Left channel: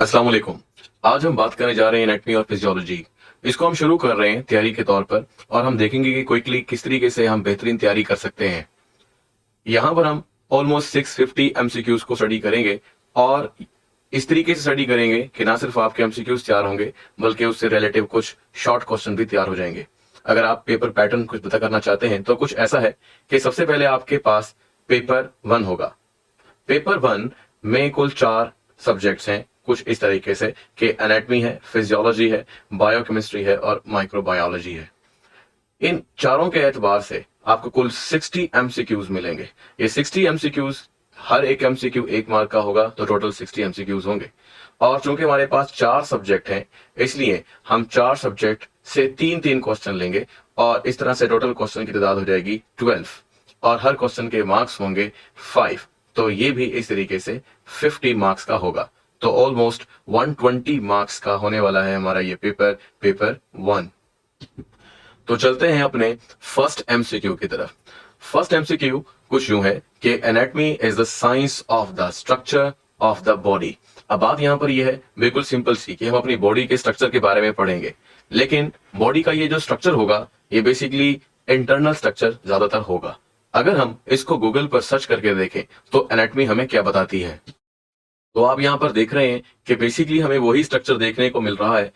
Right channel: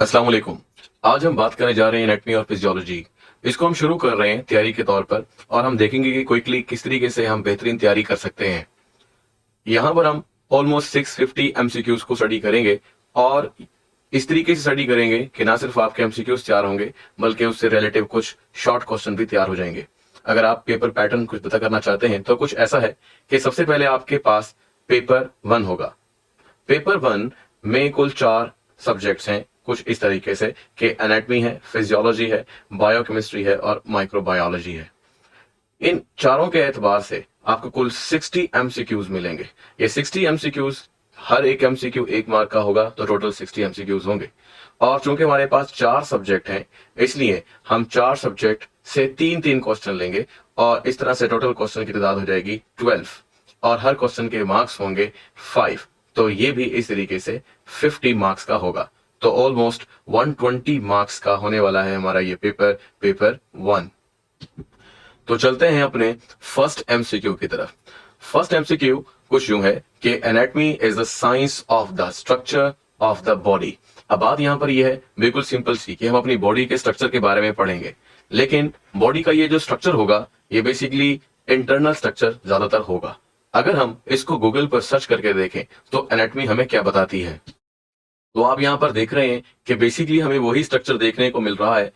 अस्सलाम वालेकुम। आज हम बात करने जा रहे हैं एनाटॉमी और फिजियोलॉजी। इसको हम शुरू कर रहे हैं तैयारी के तौर पर और हम देखेंगे कि क्विकली किस तरीके से हम बेहतरीन तैयारी कर सकते हैं। यहाँ पर हम ऑलमोस्ट 650 एमसीक्यूज को स्टडी करेंगे और इस तरीके से स्टडी करेंगे कि ना सिर्फ आपके एमसीक्यूज तैयार होंगे बल्कि उससे रिलेटिव कुछ शॉर्ट क्वेश्चन भी तैयार हो जाएंगे। अगर आप पेपर पैटर्न कुछ पता करना चाहते हैं तो कुछ ऐसा है कि सबसे पहले आपके पास पेपर 1 होगा। पेपर 1 में कुल 4 सब्जेक्ट्स हैं, कुछ इस तरीके से कि एनाटॉमी है, फिजियोलॉजी है, बायोकेमिस्ट्री है और माइक्रोबायोलॉजी है। इन चारों के एतबार से आपको कुल 60 एमसीक्यूज मिलेंगे। ये 60 एमसीक्यूज, हर एक एमसीक्यू 1 मार्क का होगा, तो टोटल 60 एमसीक्यूज होंगे। और चूंकि हमारे पास 4 सब्जेक्ट हैं, इसलिए हम 4 सब्जेक्ट से 3-3 क्वेश्चन लेंगे और इस तरह से टोटल क्वेश्चन की तादाद हो जाएगी 12 और हर क्वेश्चन के मार्क्स होंगे 5। तो ये भी इस तरीके से 50 मार्क्स का होगा। तो ऑलमोस्ट 120 मार्क्स का होने वाला है हमारा ये पेपर 1। तो चलते हैं अपने फर्स्ट एमसीक्यू की तरफ। फर्स्ट एमसीक्यू कुछ यूं है कि anatomy is the science of the structure of the body. अब बात यहां पर यह है बिल्कुल सिंपल सी कि हम अपनी बॉडी के स्ट्रक्चर के बारे में पढ़ेंगे, लेकिन बॉडी का ये जो स्ट्रक्चर होगा ये बेसिकली इंटरनल स्ट्रक्चर ज्यादातर होगा। अगर हम इसको गूगल पर सर्च करके देखें तो एनाटॉमी हमें क्या बताती है, तो आप यहां पर देख रहे हैं कि बेसिकली हमें वही स्ट्रक्चर देखने को मिल रहा है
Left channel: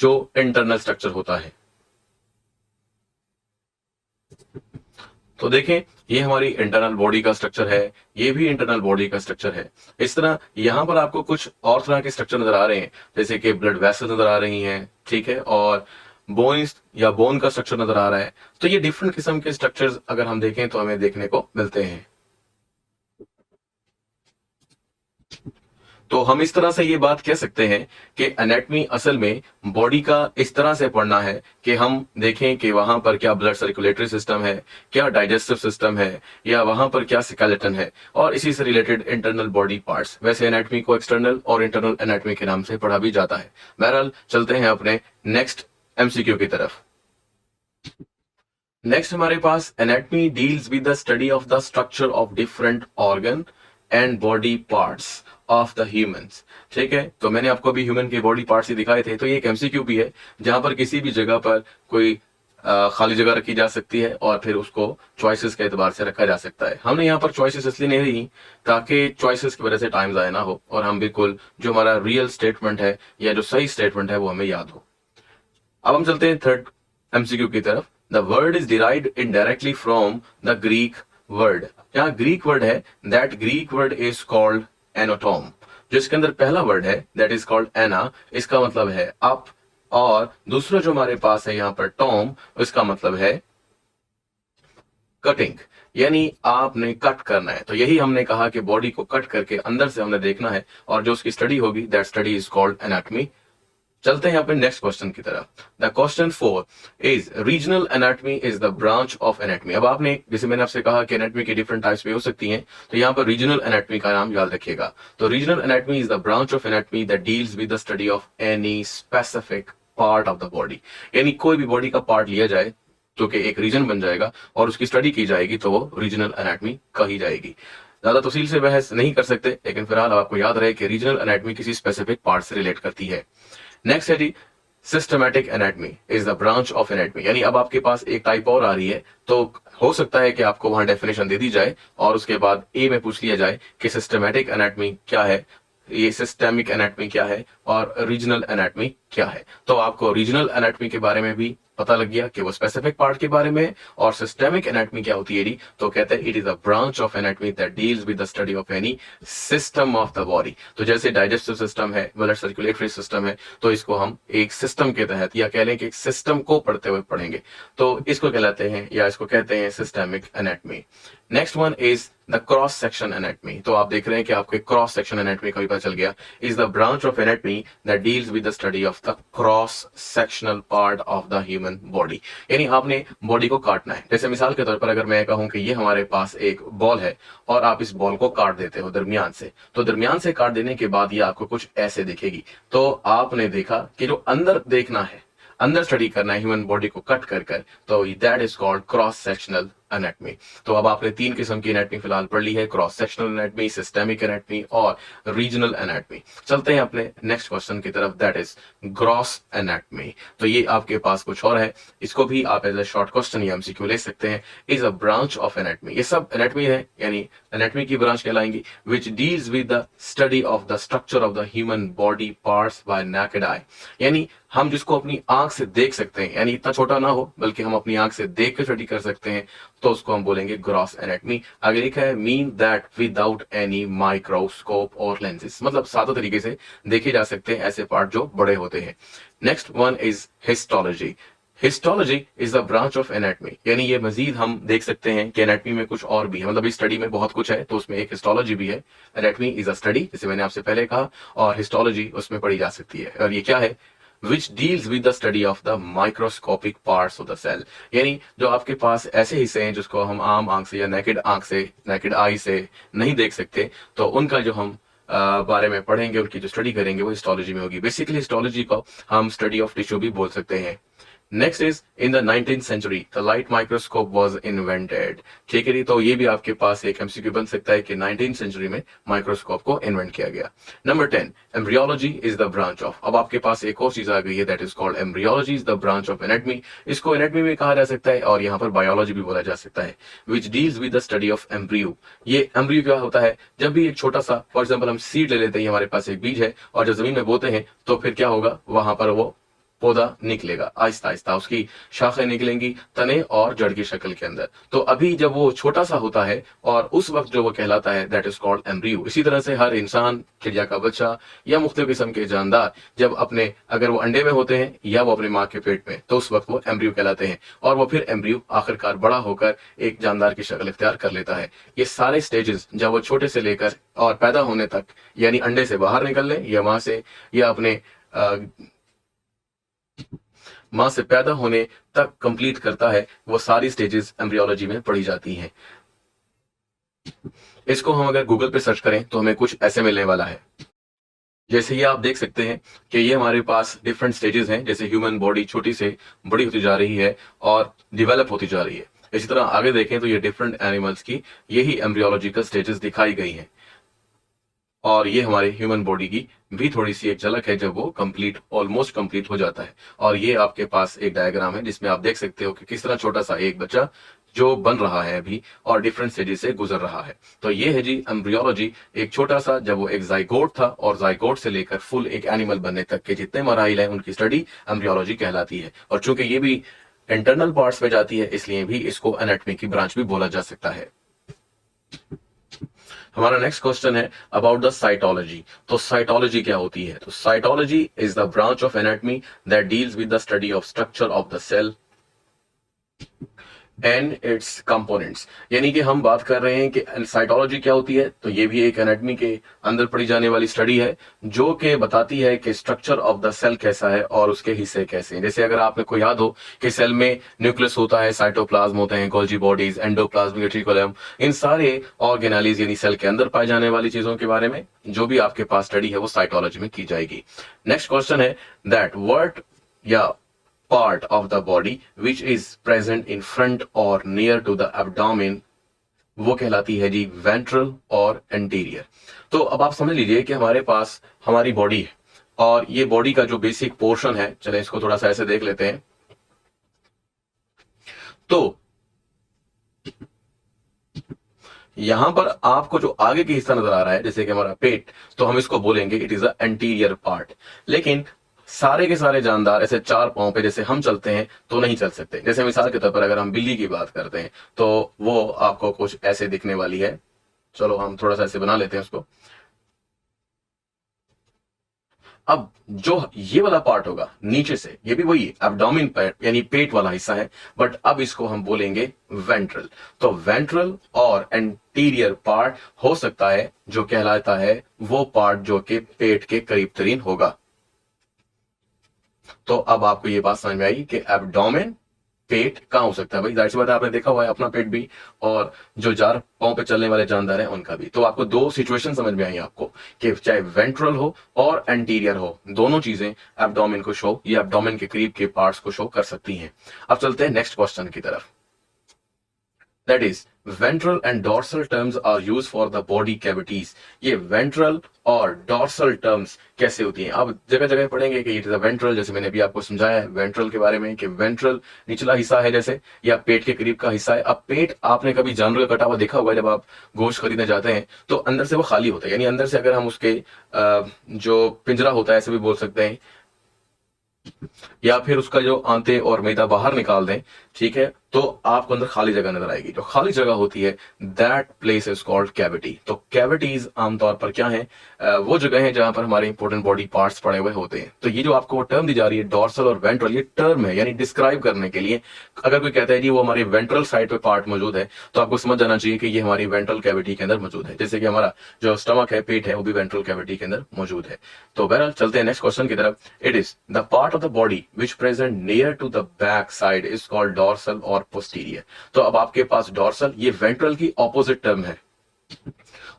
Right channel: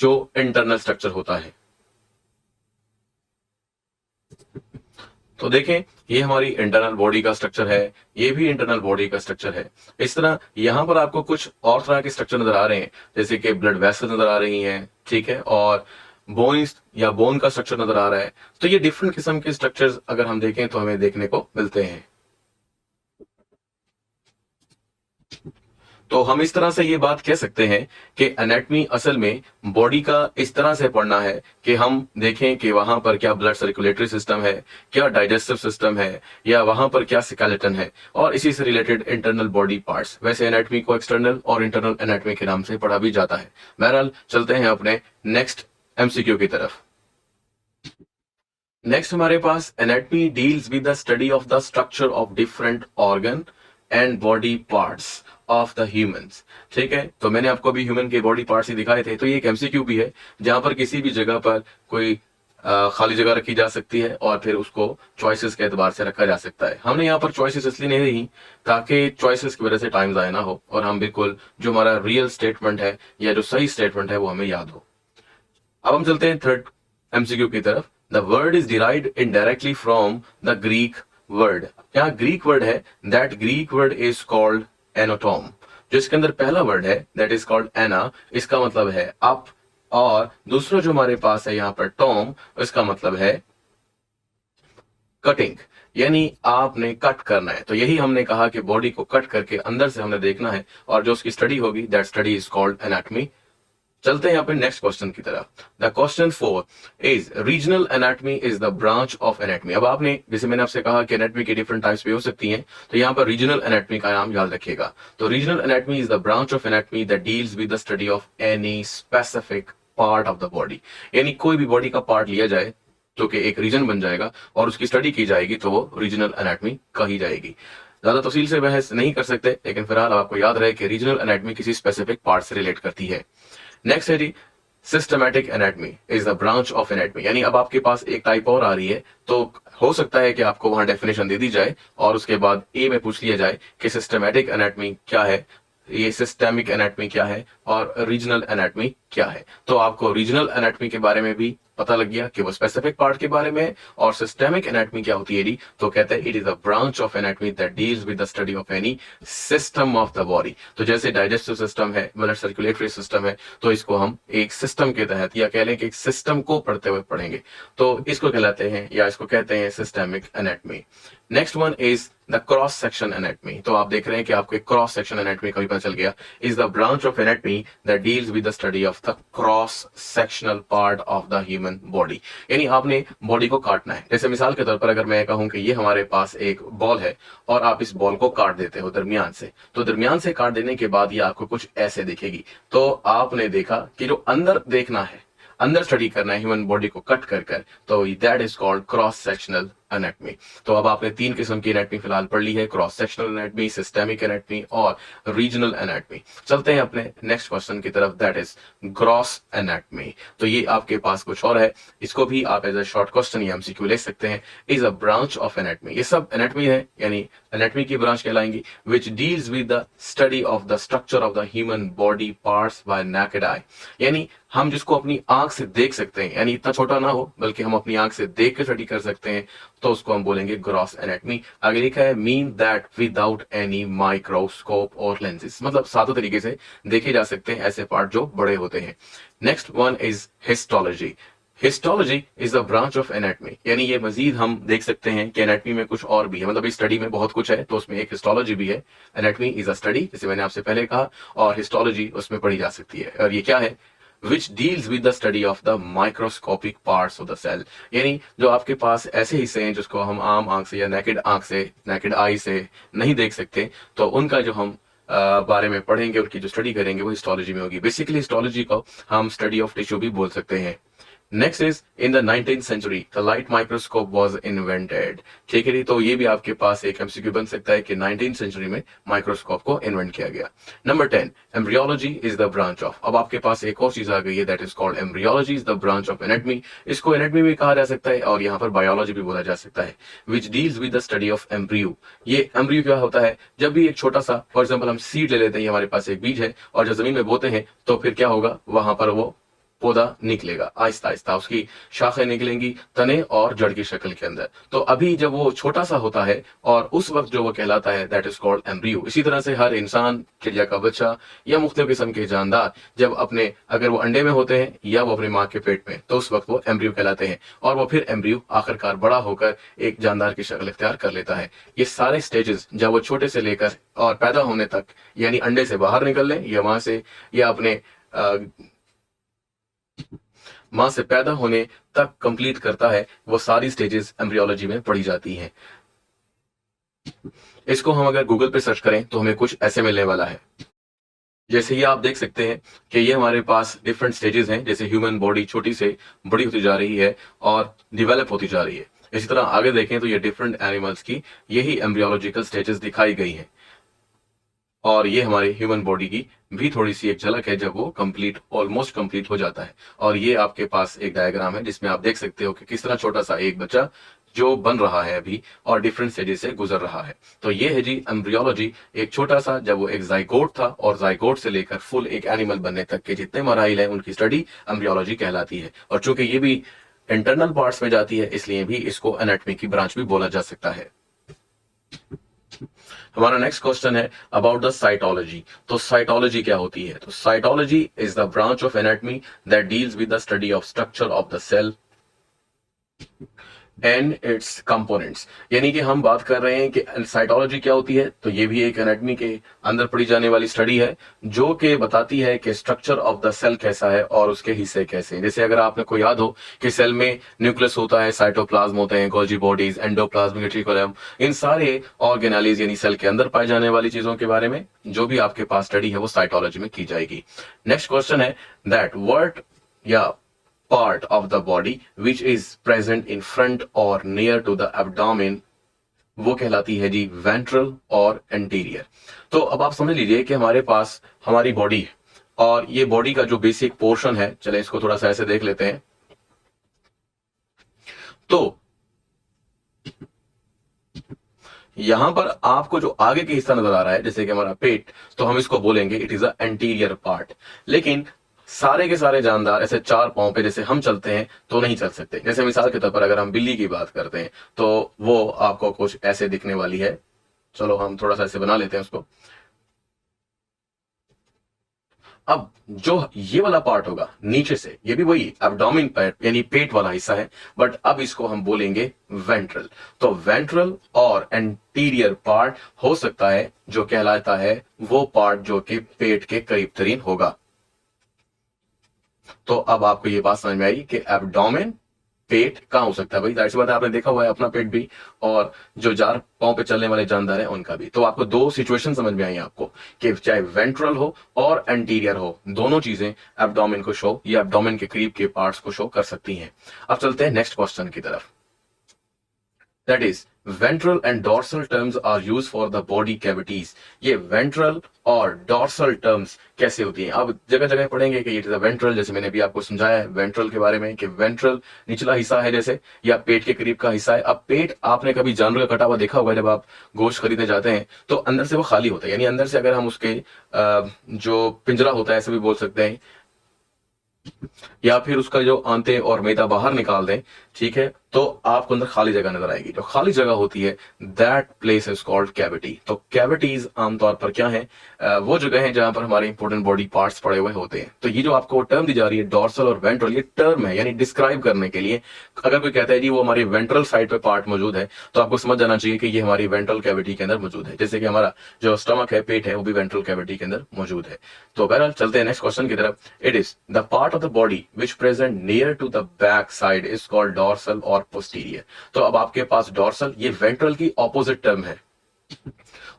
जो इंटरनल स्ट्रक्चर होता है। तो देखें, ये हमारी इंटरनल बॉडी का स्ट्रक्चर है, ये भी इंटरनल बॉडी का स्ट्रक्चर है। इस तरह यहां पर आपको कुछ और तरह के स्ट्रक्चर नजर आ रहे हैं, जैसे कि ब्लड वेसल्स नजर आ रही हैं, ठीक है, और बोन्स या बोन का स्ट्रक्चर नजर आ रहा है। तो ये डिफरेंट किस्म के स्ट्रक्चर्स अगर हम देखें तो हमें देखने को मिलते हैं। तो हम इस तरह से ये बात कह सकते हैं कि एनाटॉमी असल में बॉडी का इस तरह से पढ़ना है कि हम देखें कि वहां पर क्या ब्लड सर्कुलेटरी सिस्टम है, क्या डाइजेस्टिव सिस्टम है, या वहां पर क्या स्केलेटन है, और इसी से रिलेटेड इंटरनल बॉडी पार्ट्स। वैसे एनाटॉमी को एक्सटर्नल और इंटरनल एनाटॉमी के नाम से पढ़ा भी जाता है। बहरहाल चलते हैं अपने नेक्स्ट एमसीक्यू की तरफ। नेक्स्ट हमारे पास anatomy deals with the study of the structure of different organ and body parts of the humans. ठीक है, तो मैंने आपको भी ह्यूमन के बॉडी पार्ट्स ही दिखाए थे। तो ये एक एमसीक्यू भी है जहां पर किसी भी जगह पर कोई खाली जगह रखी जा सकती है और फिर उसको चॉइसेस के एतबार से रखा जा सकता है। हमने यहाँ पर चॉइसेस इसलिए नहीं दी ताकि चॉइसेस की वजह से टाइम जाया ना हो और हम बिल्कुल जो हमारा रियल स्टेटमेंट है या जो सही स्टेटमेंट है वो हमें याद हो। अब हम चलते हैं थर्ड एमसीक्यू की तरफ। The word is derived indirectly from the Greek word. यहाँ ग्रीक वर्ड है, that Greek word is called anatome. जो इसके अंदर पहला वर्ड है दैट इज कॉल्ड एना, इसका मतलब है अप, और दूसरा जो हमारे पास है यहाँ पर टॉम, इसका मतलब है कटिंग, यानी आपने कट करना है। तो यही हमने कहा कि बॉडी को कट करके अंदर से हमने देखना है और जो उसकी स्टडी होगी that study is called anatomy. चलते हैं यहाँ पे नेक्स्ट क्वेश्चन की तरफ। The question 4 is regional anatomy is the branch of anatomy. अब आपने, जैसे मैंने आपसे कहा कि एनाटॉमी की डिफरेंट टाइप्स भी हो सकती हैं, तो यहाँ पर रीजनल एनाटॉमी का नाम याद रखिएगा। तो regional anatomy is the branch of anatomy that deals with the study of any specific part of the body. यानी कोई भी बॉडी का पार्ट लिया जाए जो कि एक रीजन बन जाएगा और उसकी स्टडी की जाएगी तो वो रीजनल एनाटॉमी कही जाएगी। ज्यादा तफसील से बहस नहीं कर सकते, लेकिन फिलहाल आपको याद रहे कि रीजनल एनाटॉमी किसी स्पेसिफिक पार्ट से रिलेट करती है। नेक्स्ट है जी, systematic anatomy is the branch of anatomy. यानी अब आपके पास एक टाइप और आ रही है, तो हो सकता है कि आपको वहां डेफिनेशन दे दी जाए और उसके बाद ए में पूछ लिया जाए कि सिस्टमैटिक एनाटॉमी क्या है, ये सिस्टेमिक एनाटॉमी क्या है और रीजनल एनाटॉमी क्या है। तो आपको रीजनल एनाटॉमी के बारे में भी पता लग गया कि वो स्पेसिफिक पार्ट के बारे में, और सिस्टेमिक एनाटॉमी क्या होती है, तो कहते हैं it is a branch of anatomy that deals with the study of any system of the body. तो जैसे डाइजेस्टिव सिस्टम है, ब्लड सर्कुलेटरी सिस्टम है, तो इसको हम एक सिस्टम के तहत या कह लें कि एक सिस्टम को पढ़ते हुए पढ़ेंगे, तो इसको कहलाते हैं या इसको कहते हैं systemic anatomy. Next one is the cross section anatomy. तो आप देख रहे हैं कि आपको एक क्रॉस सेक्शन एनाटॉमी का भी पता चल गया। Is the branch of anatomy that deals with the study of the cross sectional part of the human body. यानी आपने बॉडी को काटना है। जैसे मिसाल के तौर पर अगर मैं कहूं कि ये हमारे पास एक बॉल है और आप इस बॉल को काट देते हो दरमियान से, तो दरमियान से काट देने के बाद ये आपको कुछ ऐसे दिखेगी। तो आपने देखा कि जो अंदर देखना है, अंदर स्टडी करना है ह्यूमन बॉडी को कट कर कर, तो that is called cross sectional anatomy. तो अब आपने 3 किस्म की एनाटमी फिलहाल पढ़ ली है, cross sectional anatomy, systemic anatomy और रीजनल एनाटमी। चलते हैं अपने नेक्स्ट क्वेश्चन की तरफ, दैट इज ग्रॉस एनाटमी। तो ये आपके पास कुछ और है, इसको भी आप एज अ शॉर्ट क्वेश्चन या एमसीक्यू ले सकते हैं। Is a branch of anatomy, ये सब एनाटमी है यानी एनाटमी की ब्रांच कहलाएंगी, which deals with the study of the structure of the human body parts by naked eye. यानी हम जिसको अपनी आंख से देख सकते हैं, यानी इतना छोटा ना हो बल्कि हम अपनी आंख से देख के स्टडी कर सकते हैं, तो उसको हम बोलेंगे ग्रॉस एनाटमी। आगे लिखा है mean that without any microscope और लेंसेज, मतलब सातों तरीके से देखे जा सकते हैं ऐसे पार्ट जो बड़े होते हैं। Next one is histology. Histology is the branch of anatomy, यानी ये मजीद हम देख सकते हैं कि एनाटमी में कुछ और भी है, मतलब इस स्टडी में बहुत कुछ है तो उसमें एक हिस्टोलॉजी भी है। एनाटमी इज अ स्टडी, जैसे मैंने आपसे पहले कहा, और हिस्टोलॉजी उसमें पढ़ी जा सकती है। और ये क्या है? which deals with the study of the microscopic parts of the cell, यानी जो आपके पास ऐसे हिस्से हैं जिसको हम आम आंख से या नेकेड आंख से, नेकेड आई से नहीं देख सकते, तो उनका जो हम बारे में पढ़ेंगे, उनकी जो स्टडी करेंगे वो हिस्टोलॉजी में होगी। बेसिकली हिस्टोलॉजी को हम स्टडी ऑफ टिश्यू भी बोल सकते हैं। Next is in the 19th century the light microscope was invented. ठीक है जी, तो ये भी आपके पास एक एमसीक्यू बन सकता है कि 19th सेंचुरी में माइक्रोस्कोप को इन्वेंट किया गया। Number 10, embryology is the branch of. अब आपके पास एक और चीज आ गई है, that is called embryology is the branch of anatomy. इसको एनाटमी भी कहा जा सकता है और यहाँ पर बायोलॉजी भी बोला जा सकता है, विच deals with the study of embryo. ये एम्ब्रियो क्या होता है? जब भी एक छोटा सा, फॉर एग्जाम्पल हम सीड ले लेते हैं, हमारे पास एक बीज है और जब जमीन में बोते हैं तो फिर क्या होगा, वहां पर वो पौधा निकलेगा, आहिस्ता आहिस्ता उसकी शाखें निकलेंगी तने और जड़ की शक्ल के अंदर। तो अभी जब वो छोटा सा होता है और उस वक्त जो वो कहलाता है, दैट इज कॉल्ड एम्ब्रियो। इसी तरह से हर इंसान, चिड़िया का बच्चा या मुख्तलिफ किस्म के जानदार जब अपने, अगर वो अंडे में होते हैं या वो अपने माँ के पेट में, तो उस वक्त वो एम्ब्रियो कहलाते हैं और वो फिर एम्ब्रियो आखिरकार बड़ा होकर एक जानदार की शक्ल इख्तियार कर लेता है। ये सारे स्टेजेस जब वो छोटे से लेकर और पैदा होने तक, यानी अंडे से बाहर निकलने या वहां से या अपने मां से पैदा होने तक कंप्लीट करता है, वो सारी स्टेजेस एम्ब्रियोलॉजी में पढ़ी जाती हैं। इसको हम अगर गूगल पे सर्च करें तो हमें कुछ ऐसे मिलने वाला है, जैसे ये आप देख सकते हैं कि ये हमारे पास डिफरेंट स्टेजेस हैं, जैसे ह्यूमन बॉडी छोटी से बड़ी होती जा रही है और डिवेलप होती जा रही है। इसी तरह आगे देखें तो ये डिफरेंट एनिमल्स की यही एम्ब्रियोलॉजिकल स्टेजेस दिखाई गई हैं और ये हमारे ह्यूमन बॉडी की भी थोड़ी सी एक झलक है जब वो कंप्लीट, ऑलमोस्ट कंप्लीट हो जाता है। और ये आपके पास एक डायग्राम है जिसमें आप देख सकते हो कि किस तरह छोटा सा एक बच्चा जो बन रहा है अभी और डिफरेंट स्टेजेस से गुजर रहा है। तो ये है जी एम्ब्रियोलॉजी, एक छोटा सा जब वो एक जाइगोट था और जाइगोट से लेकर फुल एक एनिमल बनने तक के जितने मराइल हैं उनकी स्टडी एम्ब्रियोलॉजी कहलाती है। और चूंकि ये भी इंटरनल पार्ट्स में जाती है इसलिए भी इसको एनाटॉमी की ब्रांच भी बोला जा सकता है। हमारा नेक्स्ट क्वेश्चन है अबाउट द साइटोलॉजी। तो साइटोलॉजी क्या होती है? तो cytology is the branch of anatomy that deals with the study of structure of the cell and its components. यानी कि हम बात कर रहे हैं कि साइटोलॉजी क्या होती है, तो ये भी एक एनाटॉमी के अंदर पढ़ी जाने वाली स्टडी है जो कि बताती है कि स्ट्रक्चर ऑफ द सेल कैसा है और उसके हिस्से कैसे हैं। जैसे अगर आपको याद हो कि सेल में न्यूक्लियस होता है, साइटोप्लाज्म होते हैं, गोल्जी बॉडीज, एंडोप्लाज्म, रेटिकुलम, इन सारे ऑर्गेनालीज यानी सेल के अंदर पाए जाने वाली चीजों के बारे में जो भी आपके पास स्टडी है वो साइटोलॉजी में की जाएगी। नेक्स्ट क्वेश्चन है दैट वर्ड या part of the body which is present in front or near to the abdomen वो कहलाती है जी वेंट्रल और एंटीरियर। तो अब आप समझ लीजिए कि हमारे पास हमारी बॉडी है और ये बॉडी का जो बेसिक पोर्शन है, चले इसको थोड़ा सा ऐसे देख लेते हैं। तो यहां पर आपको जो आगे की हिस्सा नजर आ रहा है जैसे कि हमारा पेट, तो हम इसको बोलेंगे it is a anterior part. लेकिन सारे के सारे जानदार ऐसे चार पांव पे जैसे हम चलते हैं तो नहीं चल सकते। जैसे मिसाल के तौर पर अगर हम बिल्ली की बात करते हैं तो वो आपको कुछ ऐसे दिखने वाली है। चलो हम थोड़ा सा ऐसे बना लेते हैं उसको। अब जो ये वाला पार्ट होगा नीचे से, ये भी वही एब्डोमेन पार्ट यानी पेट वाला हिस्सा है, बट अब इसको हम बोलेंगे वेंट्रल। तो वेंट्रल और एंटीरियर पार्ट हो सकता है जो कहलाता है वो पार्ट जो कि पेट के करीब तरीन होगा। तो अब आपको ये बात समझ में आई कि एब्डोमेन पेट कहां हो सकता है। भाई जाहिर सी बात है, आपने देखा हुआ है अपना पेट भी और जो चार पांव पे चलने वाले जानदार हैं उनका भी। तो आपको दो सिचुएशन समझ में आई आपको कि चाहे वेंट्रल हो और एंटीरियर हो, दोनों चीजें एब्डोमेन को शो या एब्डोमेन के करीब के पार्ट्स को शो कर सकती हैं। अब चलते हैं नेक्स्ट क्वेश्चन की तरफ। That is ventral and dorsal terms are use for the body cavities. ये वेंट्रल और डॉर्सल टर्म्स कैसे होती हैं, अब जगह जगह पढ़ेंगे कि इट इज अ वेंट्रल, जैसे मैंने अभी आपको समझाया है वेंट्रल के बारे में कि वेंट्रल निचला हिस्सा है जैसे, या पेट के करीब का हिस्सा है। अब पेट आपने कभी जानवर का कटा हुआ देखा होगा, जब आप गोश्त खरीदने जाते हैं तो अंदर से वो खाली होता है, यानी अंदर से अगर हम उसके जो पिंजरा होता है ऐसे भी बोल सकते हैं, या फिर उसका जो आंते और मेदा बाहर निकाल दें, ठीक है, तो आपको अंदर खाली जगह नजर आएगी। जो खाली जगह होती है that place is called cavity. तो कैविटीज आमतौर पर क्या है, वो जगह है जहां पर हमारे इंपॉर्टेंट बॉडी पार्ट्स पड़े हुए होते हैं। तो ये जो आपको टर्म दी जा रही है डॉर्सल और वेंट्रल, ये टर्म है यानी डिस्क्राइब करने के लिए। अगर कोई कहता है जी वो हमारी वेंट्रल साइड पे पार्ट मौजूद है, तो आपको समझ जाना चाहिए कि ये हमारी वेंट्रल कैविटी के अंदर मौजूद है, जैसे कि हमारा जो स्टमक है, पेट है, वो भी वेंट्रल कैविटी के अंदर मौजूद है। तो बहरहाल चलते हैं नेक्स्ट क्वेश्चन की तरफ। It is the part of the body which present near to the back side is called dorsal और पोस्टीरियर। तो अब आपके पास डॉर्सल ये वेंट्रल की ऑपोजिट टर्म है,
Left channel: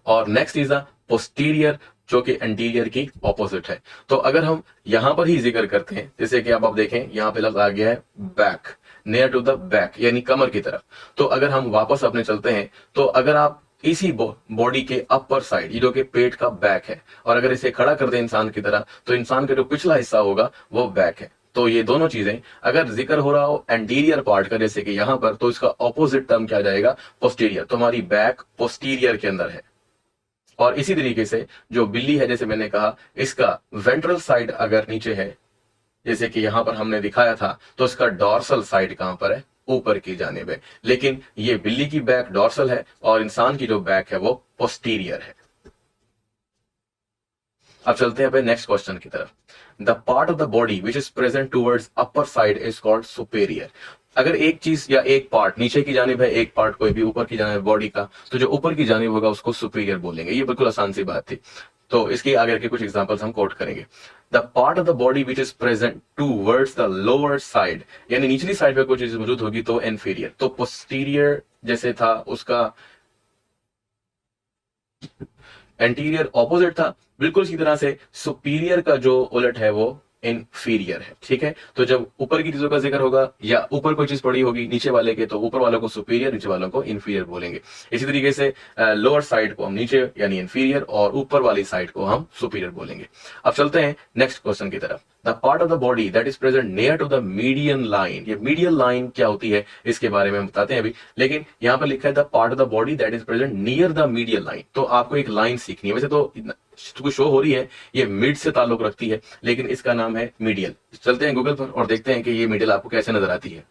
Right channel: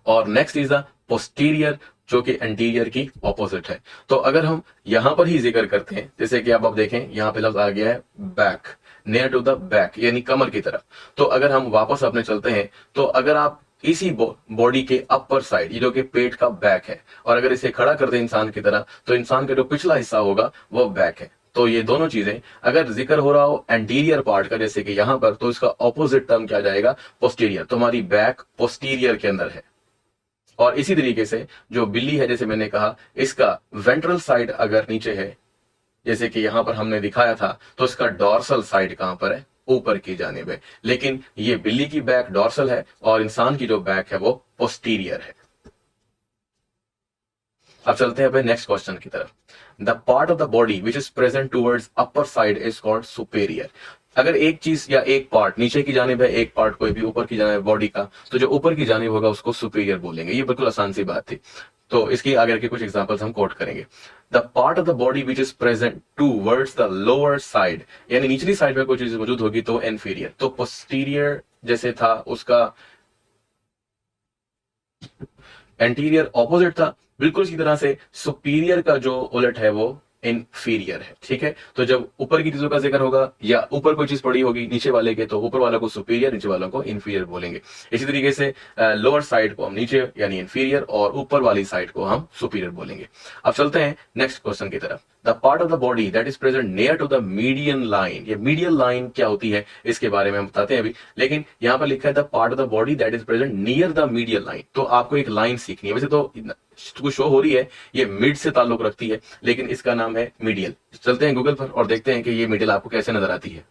और नेक्स्ट इज द पोस्टीरियर जो कि एंटीरियर की ऑपोजिट है। तो अगर हम यहां पर ही जिक्र करते हैं, जैसे कि आप देखें यहां पे लफ्ज आ गया है back, near to the back यानी कमर की तरफ। तो अगर हम वापस अपने चलते हैं, तो अगर आप इसी बॉडी के अपर साइड, ये जो कि पेट का बैक है, और अगर इसे खड़ा कर दें इंसान की तरह, तो इंसान का जो पिछला हिस्सा होगा वो बैक है। तो ये दोनों चीजें अगर जिक्र हो रहा हो एंटीरियर पार्ट का, जैसे कि यहां पर, तो इसका ऑपोजिट टर्म क्या जाएगा, पोस्टीरियर। तो हमारी बैक पोस्टीरियर के अंदर है। और इसी तरीके से जो बिल्ली है, जैसे मैंने कहा, इसका वेंट्रल साइड अगर नीचे है, जैसे कि यहां पर हमने दिखाया था, तो इसका डॉर्सल साइड कहां पर है, ऊपर की जानिब है। लेकिन ये बिल्ली की बैक डॉर्सल है और इंसान की जो बैक है वो पोस्टीरियर है। अब चलते हैं अपने नेक्स्ट क्वेश्चन की तरफ। The part of the body which is present towards upper side is called superior. अगर एक चीज या एक पार्ट नीचे की जानिब है, एक पार्ट कोई भी ऊपर की जानिब बॉडी का, तो जो ऊपर की जानिब होगा उसको सुपेरियर बोलेंगे। ये बिल्कुल आसान सी बात थी। तो इसकी आगे के कुछ एग्जांपल्स हम कोट करेंगे। The part of the body which is present towards the lower side, यानी निचली साइड पे कोई चीज मौजूद होगी तो इन्फीरियर। तो पोस्टीरियर जैसे था उसका एंटीरियर ऑपोजिट था, बिल्कुल इसी तरह से सुपीरियर का जो उलट है वो इनफीरियर है। ठीक है, तो जब ऊपर की चीजों का जिक्र होगा या ऊपर कोई चीज पड़ी होगी नीचे वाले के, तो ऊपर वालों को सुपीरियर, नीचे वालों को इनफीरियर बोलेंगे। इसी तरीके से लोअर साइड को हम नीचे यानी इनफीरियर, और ऊपर वाली साइड को हम सुपीरियर बोलेंगे। अब चलते हैं नेक्स्ट क्वेश्चन की तरफ। The part of the body that is present near to the median line. ये मीडियन लाइन क्या होती है इसके बारे में हम बताते हैं अभी, लेकिन यहाँ पर लिखा है the part of the body that is present near the median line. तो आपको एक लाइन सीखनी है, वैसे तो कुछ शो हो रही है ये मिड से ताल्लुक रखती है, लेकिन इसका नाम है मीडियल। चलते हैं गूगल पर और देखते हैं कि ये मीडियल आपको कैसे नजर आती है।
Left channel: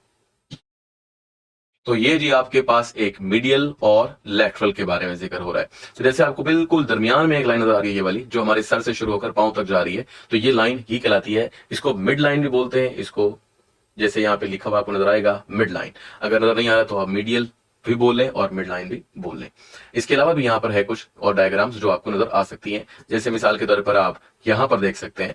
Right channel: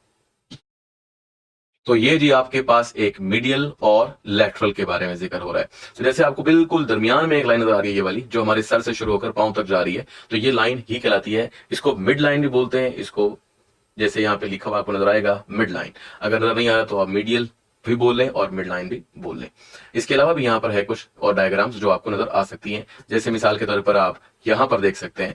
तो ये जी आपके पास एक मीडियल और लेटरल के बारे में जिक्र हो रहा है। तो जैसे आपको बिल्कुल दरमियान में एक लाइन नजर आ रही है, ये वाली जो हमारे सर से शुरू होकर पांव तक जा रही है, तो ये लाइन ही कहलाती है। इसको मिड लाइन भी बोलते हैं, इसको जैसे यहाँ पे लिखा हुआ आपको नजर आएगा मिड लाइन। अगर नजर नहीं आ रहा तो आप मीडियल भी बोल लें और मिड लाइन भी बोल लें। इसके अलावा भी यहाँ पर है कुछ और डायग्राम्स जो आपको नजर आ सकती हैं। जैसे मिसाल के तौर पर आप यहाँ पर देख सकते हैं,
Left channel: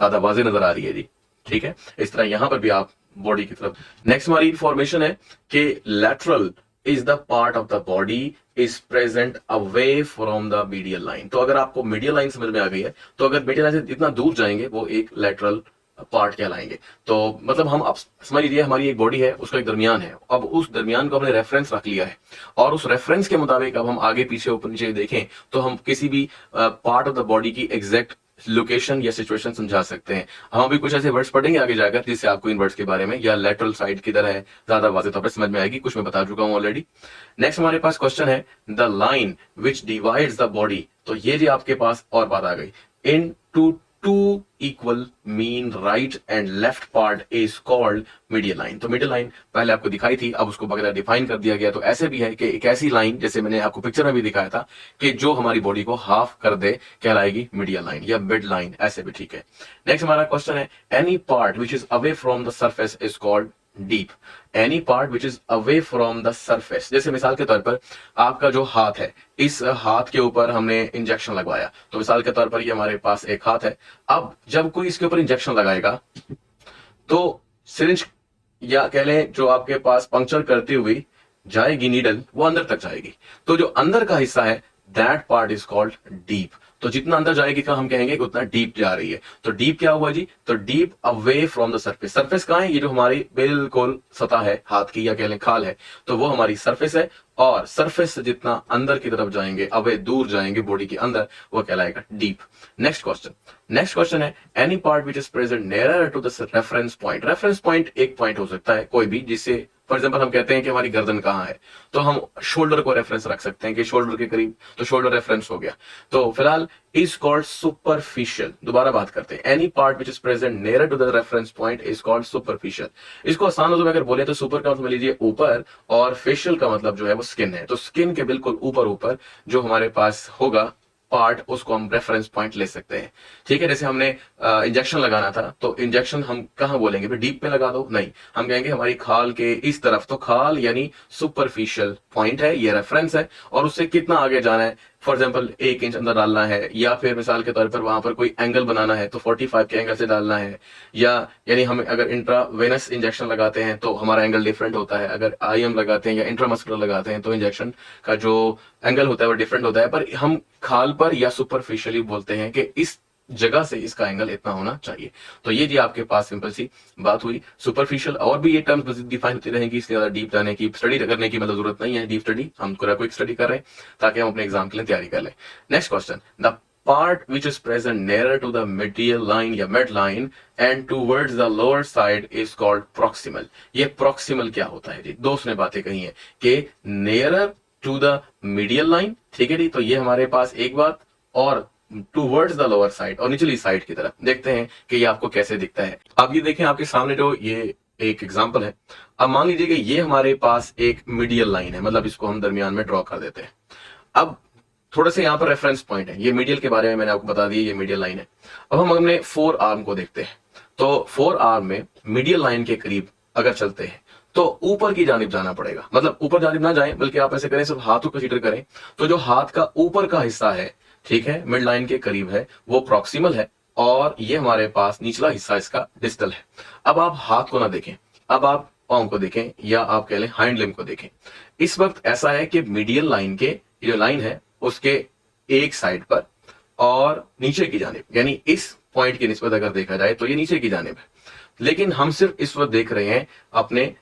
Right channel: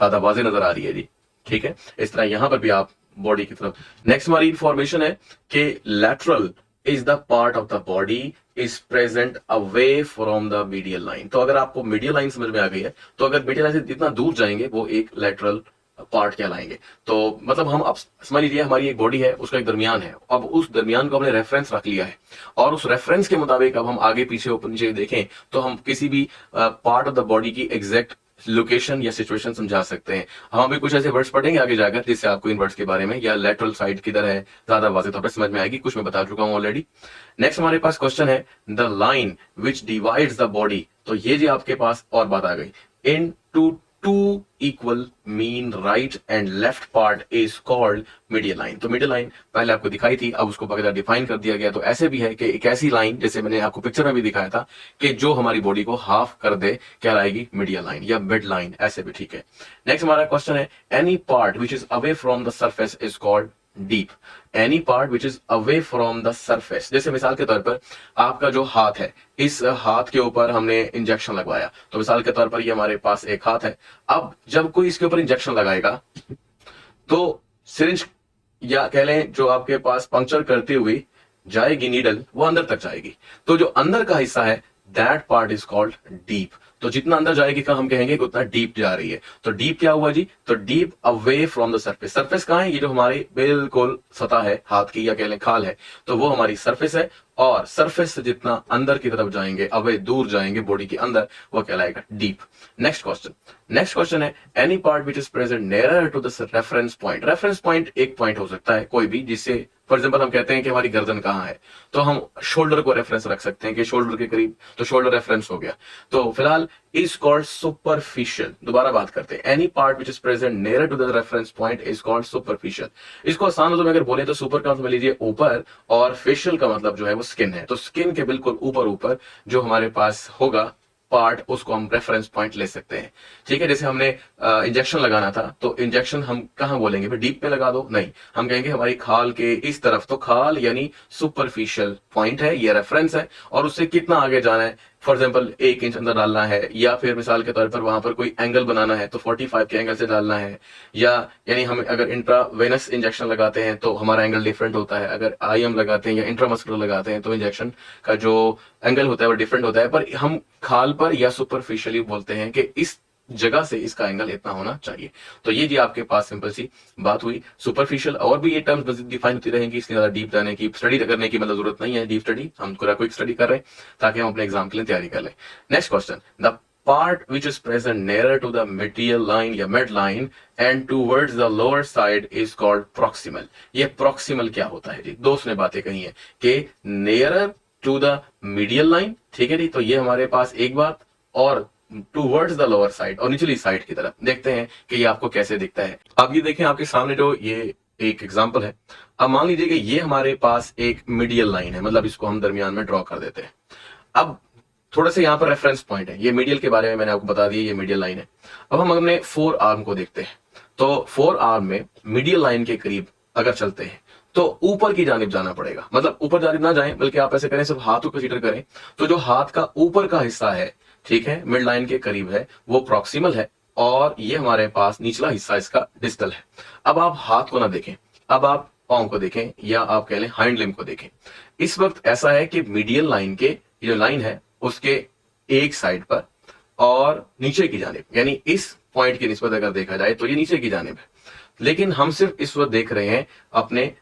ज्यादा वाज़ेह नजर आ रही है जी, ठीक है। इस तरह यहाँ पर भी आप बॉडी की तरफ। नेक्स्ट हमारी इंफॉर्मेशन है कि lateral is the part of the body is present away from the medial line. तो अगर आपको मीडियल लाइन समझ में आ गई है, तो अगर मीडियल लाइन से जितना दूर जाएंगे वो एक लैटरल पार्ट कहलाएंगे। तो मतलब हम अब समझ लीजिए हमारी एक बॉडी है, उसका एक दरमियान है। अब उस दरमियान को हमने रेफरेंस रख लिया है, और उस रेफरेंस के मुताबिक अब हम आगे पीछे ऊपर नीचे देखें तो हम किसी भी पार्ट ऑफ द बॉडी की एग्जैक्ट लोकेशन या सिचुएशन समझा सकते हैं। हम भी कुछ ऐसे वर्ड्स पढ़ेंगे आगे जाकर जिससे आपको इन वर्ड्स के बारे में या लेटरल साइड किधर है ज्यादा वाज़ेह तौर पर समझ में आएगी। कुछ मैं बता चुका हूं ऑलरेडी। नेक्स्ट हमारे पास क्वेश्चन है the line which divides the body. तो ये जी आपके पास और बात आ गई, in two equal mean right and left part is called medial line. तो मीडियल लाइन पहले आपको दिखाई थी, अब उसको बगैर डिफाइन कर दिया गया। तो ऐसे भी है कि एक ऐसी लाइन, जैसे मैंने आपको पिक्चर में भी दिखाया था, कि जो हमारी बॉडी को हाफ कर दे कहलाएगी मीडियल लाइन या मिड लाइन, ऐसे भी ठीक है। नेक्स्ट हमारा क्वेश्चन है any part which is away from the surface is called deep. Any part which is away from the surface, जैसे मिसाल के तौर पर आपका जो हाथ है, इस हाथ के ऊपर हमने इंजेक्शन लगवाया। तो मिसाल के तौर पर ये हमारे पास एक हाथ है। अब जब कोई इसके ऊपर इंजेक्शन लगाएगा तो सिरिंज या कह लें जो आपके पास पंक्चर करती हुई जाएगी नीडल, वो अंदर तक जाएगी। तो जो अंदर का हिस्सा है that part is called deep. तो जितना अंदर जाएगी का हम कहेंगे कि उतना डीप जा रही है। तो डीप क्या हुआ जी, तो deep away from the surface. Surface कहाँ है, ये जो हमारी बिल्कुल सतह है हाथ की या कह लें खाल है, तो वो हमारी सरफेस है। और सरफेस से जितना अंदर की तरफ जाएंगे, अवे दूर जाएंगे बॉडी के अंदर, वो कहलाएगा डीप। नेक्स्ट क्वेश्चन है any part which is present nearer to the reference point. Reference point एक पॉइंट हो सकता है कोई भी, जिससे फॉर एग्जाम्पल हम कहते हैं कि हमारी गर्दन कहाँ है, तो हम शोल्डर को रेफरेंस रख सकते हैं कि शोल्डर के करीब, तो शोल्डर रेफरेंस हो गया। तो फिलहाल इज कॉल्ड सुपरफिशियल। दोबारा बात करते हैं, any part which is present near to the reference point is called superficial. इसको आसान में अगर बोले तो सुपर का समझ लीजिए ऊपर, और फेशियल का मतलब जो है वो स्किन है। तो स्किन के बिल्कुल ऊपर ऊपर जो हमारे पास होगा पार्ट, उसको हम रेफरेंस पॉइंट ले सकते हैं। ठीक है, जैसे हमने इंजेक्शन लगाना था, तो इंजेक्शन हम कहाँ बोलेंगे, फिर डीप पे लगा दो, नहीं, हम कहेंगे हमारी खाल के इस तरफ। तो खाल यानी सुपरफिशियल पॉइंट है, ये रेफरेंस है, और उससे कितना आगे जाना है, फॉर एग्जाम्पल 1 इंच अंदर डालना है, या फिर मिसाल के तौर पर वहां पर कोई एंगल बनाना है तो 45 के एंगल से डालना है। या यानी हम अगर इंट्रावेनस इंजेक्शन लगाते हैं तो हमारा एंगल डिफरेंट होता है, अगर आईएम लगाते हैं या इंट्रामस्कुलर लगाते हैं तो इंजेक्शन का जो एंगल होता है वो डिफरेंट होता है। पर हम खाल पर या सुपरफिशियली बोलते हैं कि इस जगह से इसका एंगल इतना होना चाहिए। तो ये जी आपके पास सिंपल सी बात हुई सुपरफिशियल। और भी ये टर्म्स मजीद डिफाइन होती रहेंगी, इसलिए ज्यादा डीप जाने की स्टडी करने की मतलब जरूरत नहीं है। डीप स्टडी हम पूरा क्विक स्टडी कर रहे हैं ताकि हम अपने एग्जाम के लिए तैयारी कर लें। Next question, the part which is present nearer to the medial line या mid line and towards the lower side is called proximal। ये proximal क्या होता है जी, दोस्त ने बातें कही है कि nearer to the medial line, ठीक है जी, तो ये हमारे पास एक बात, और टूवर्ड्स द लोअर साइड, और निचली साइड की तरफ। देखते हैं कि ये आपको कैसे दिखता है। अब ये देखें आपके सामने जो ये एक एग्जांपल है। अब मान लीजिए कि ये हमारे पास एक मीडियल लाइन है, मतलब इसको हम दरमियान में ड्रॉ कर देते हैं। अब थोड़ा सा यहाँ पर रेफरेंस पॉइंट है, ये मीडियल के बारे में मैंने आपको बता दिया, ये मीडियल लाइन है। अब हम अपने 4 आर्म को देखते हैं, तो 4 आर्म में मीडियल लाइन के करीब अगर चलते हैं तो ऊपर की जानिब जाना पड़ेगा। मतलब ऊपर जानिब ना जाएं, बल्कि आप ऐसे करें, सिर्फ हाथ को कंसीडर करें। तो जो हाथ का ऊपर का हिस्सा है, ठीक है, मिड लाइन के करीब है, वो प्रॉक्सिमल है, और ये हमारे पास निचला हिस्सा इसका डिस्टल है। अब आप हाथ को ना देखें, अब आप पांव को देखें, या आप कह लें हाइंड लिम्ब को देखें। इस वक्त ऐसा है कि मीडियल लाइन के जो लाइन है उसके एक साइड पर और नीचे की जानिब, यानी इस पॉइंट की निस्बत अगर देखा जाए तो ये नीचे की जानिब है। लेकिन हम सिर्फ इस वक्त देख रहे हैं अपने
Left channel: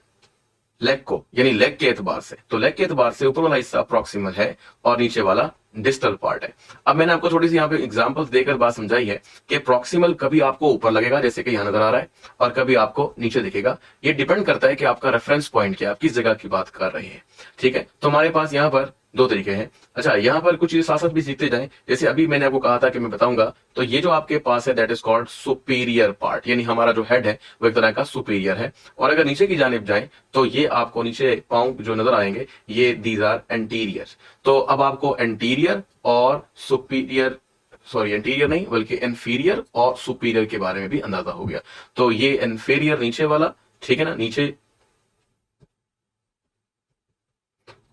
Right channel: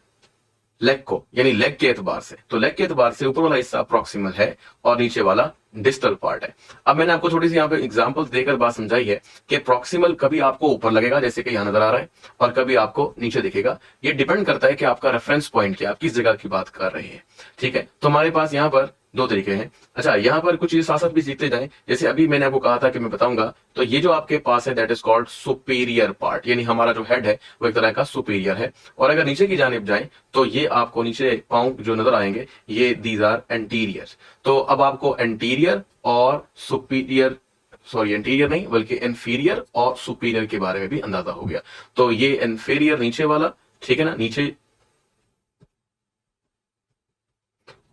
लेग को, यानी लेग के एतबार से। तो लेग के एतबार से ऊपर वाला हिस्सा प्रॉक्सिमल है और नीचे वाला डिस्टल पार्ट है। अब मैंने आपको थोड़ी सी यहाँ पे एग्जांपल्स देकर बात समझाई है कि प्रॉक्सिमल कभी आपको ऊपर लगेगा, जैसे कि यहाँ नजर आ रहा है, और कभी आपको नीचे दिखेगा। ये डिपेंड करता है कि आपका रेफरेंस पॉइंट क्या, आप किस जगह की बात कर रहे हैं। ठीक है, तो हमारे पास यहाँ पर 2 तरीके हैं। अच्छा, यहाँ पर कुछ साथ साथ भी सीखते जाएं। जैसे अभी मैंने आपको कहा था कि मैं बताऊंगा, तो ये जो आपके पास है that is called superior part, यानी हमारा जो हेड है वो एक तरह का सुपीरियर है। और अगर नीचे की जानिब जाए तो ये आपको नीचे पांव जो नजर आएंगे, ये दीज आर एंटीरियर। तो अब आपको एंटीरियर और सुपीरियर, सॉरी एंटीरियर नहीं बल्कि इंफीरियर और सुपीरियर के बारे में भी अंदाजा हो गया। तो ये इंफीरियर नीचे वाला, ठीक है ना, नीचे,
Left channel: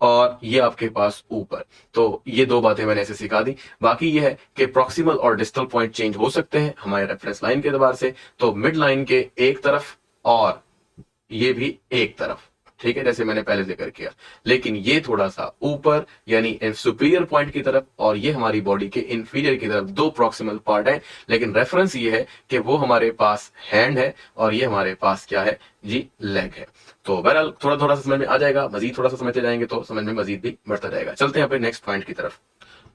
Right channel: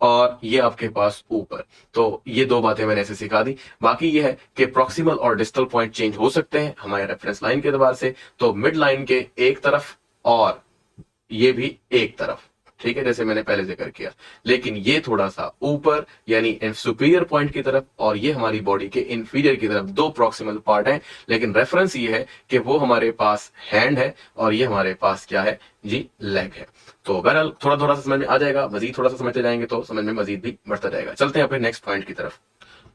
और ये आपके पास ऊपर। तो ये 2 बातें मैंने ऐसे सिखा दी। बाकी ये है कि प्रॉक्सिमल और डिस्टल पॉइंट चेंज हो सकते हैं हमारे रेफरेंस लाइन के एतबार से। तो मिड लाइन के एक तरफ और ये भी एक तरफ, ठीक है, जैसे मैंने पहले जिक्र किया। लेकिन ये थोड़ा सा ऊपर यानी सुपीरियर पॉइंट की तरफ, और ये हमारी बॉडी के इंफीरियर की तरफ 2 प्रॉक्सिमल पार्ट है। लेकिन रेफरेंस ये है कि वो हमारे पास हैंड है और ये हमारे पास क्या है जी, लेग है। तो बहरहाल थोड़ा थोड़ा सा समझ में आ जाएगा, मजीद थोड़ा सा समझते जाएंगे तो समझ में मजीद भी बढ़ता जाएगा। चलते हैं अपने नेक्स्ट पॉइंट की तरफ।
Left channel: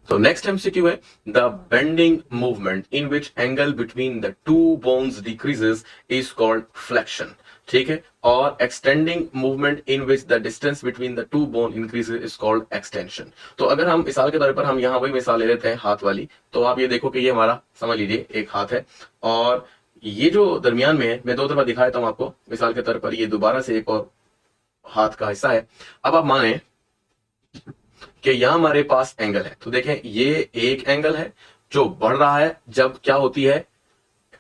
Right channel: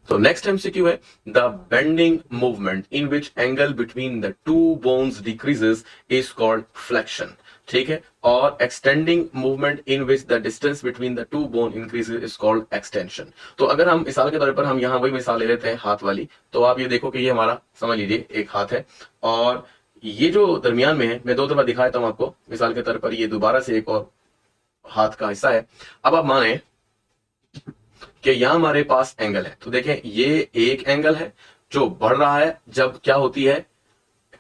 तो नेक्स्ट एमसीक्यू है the bending movement in which angle between the 2 bones decreases is called flexion. ठीक है, और extending movement in which the distance between the 2 bone increases is called extension. तो अगर हम मिसाल के तौर पर हम यहाँ वही मिसाल ले लेते हैं हाथ वाली, तो आप ये देखो कि ये हमारा समझ लीजिए एक हाथ है, और ये जो दरमियान में है, मैं 2 दफा दिखाया था आपको मिसाल के तौर पर, ये दोबारा से एक और हाथ का हिस्सा है। अब आप माने कि यहाँ हमारे पास एंगल है, तो देखें ये एक एंगल है जो बढ़ रहा है जब क्या होती है,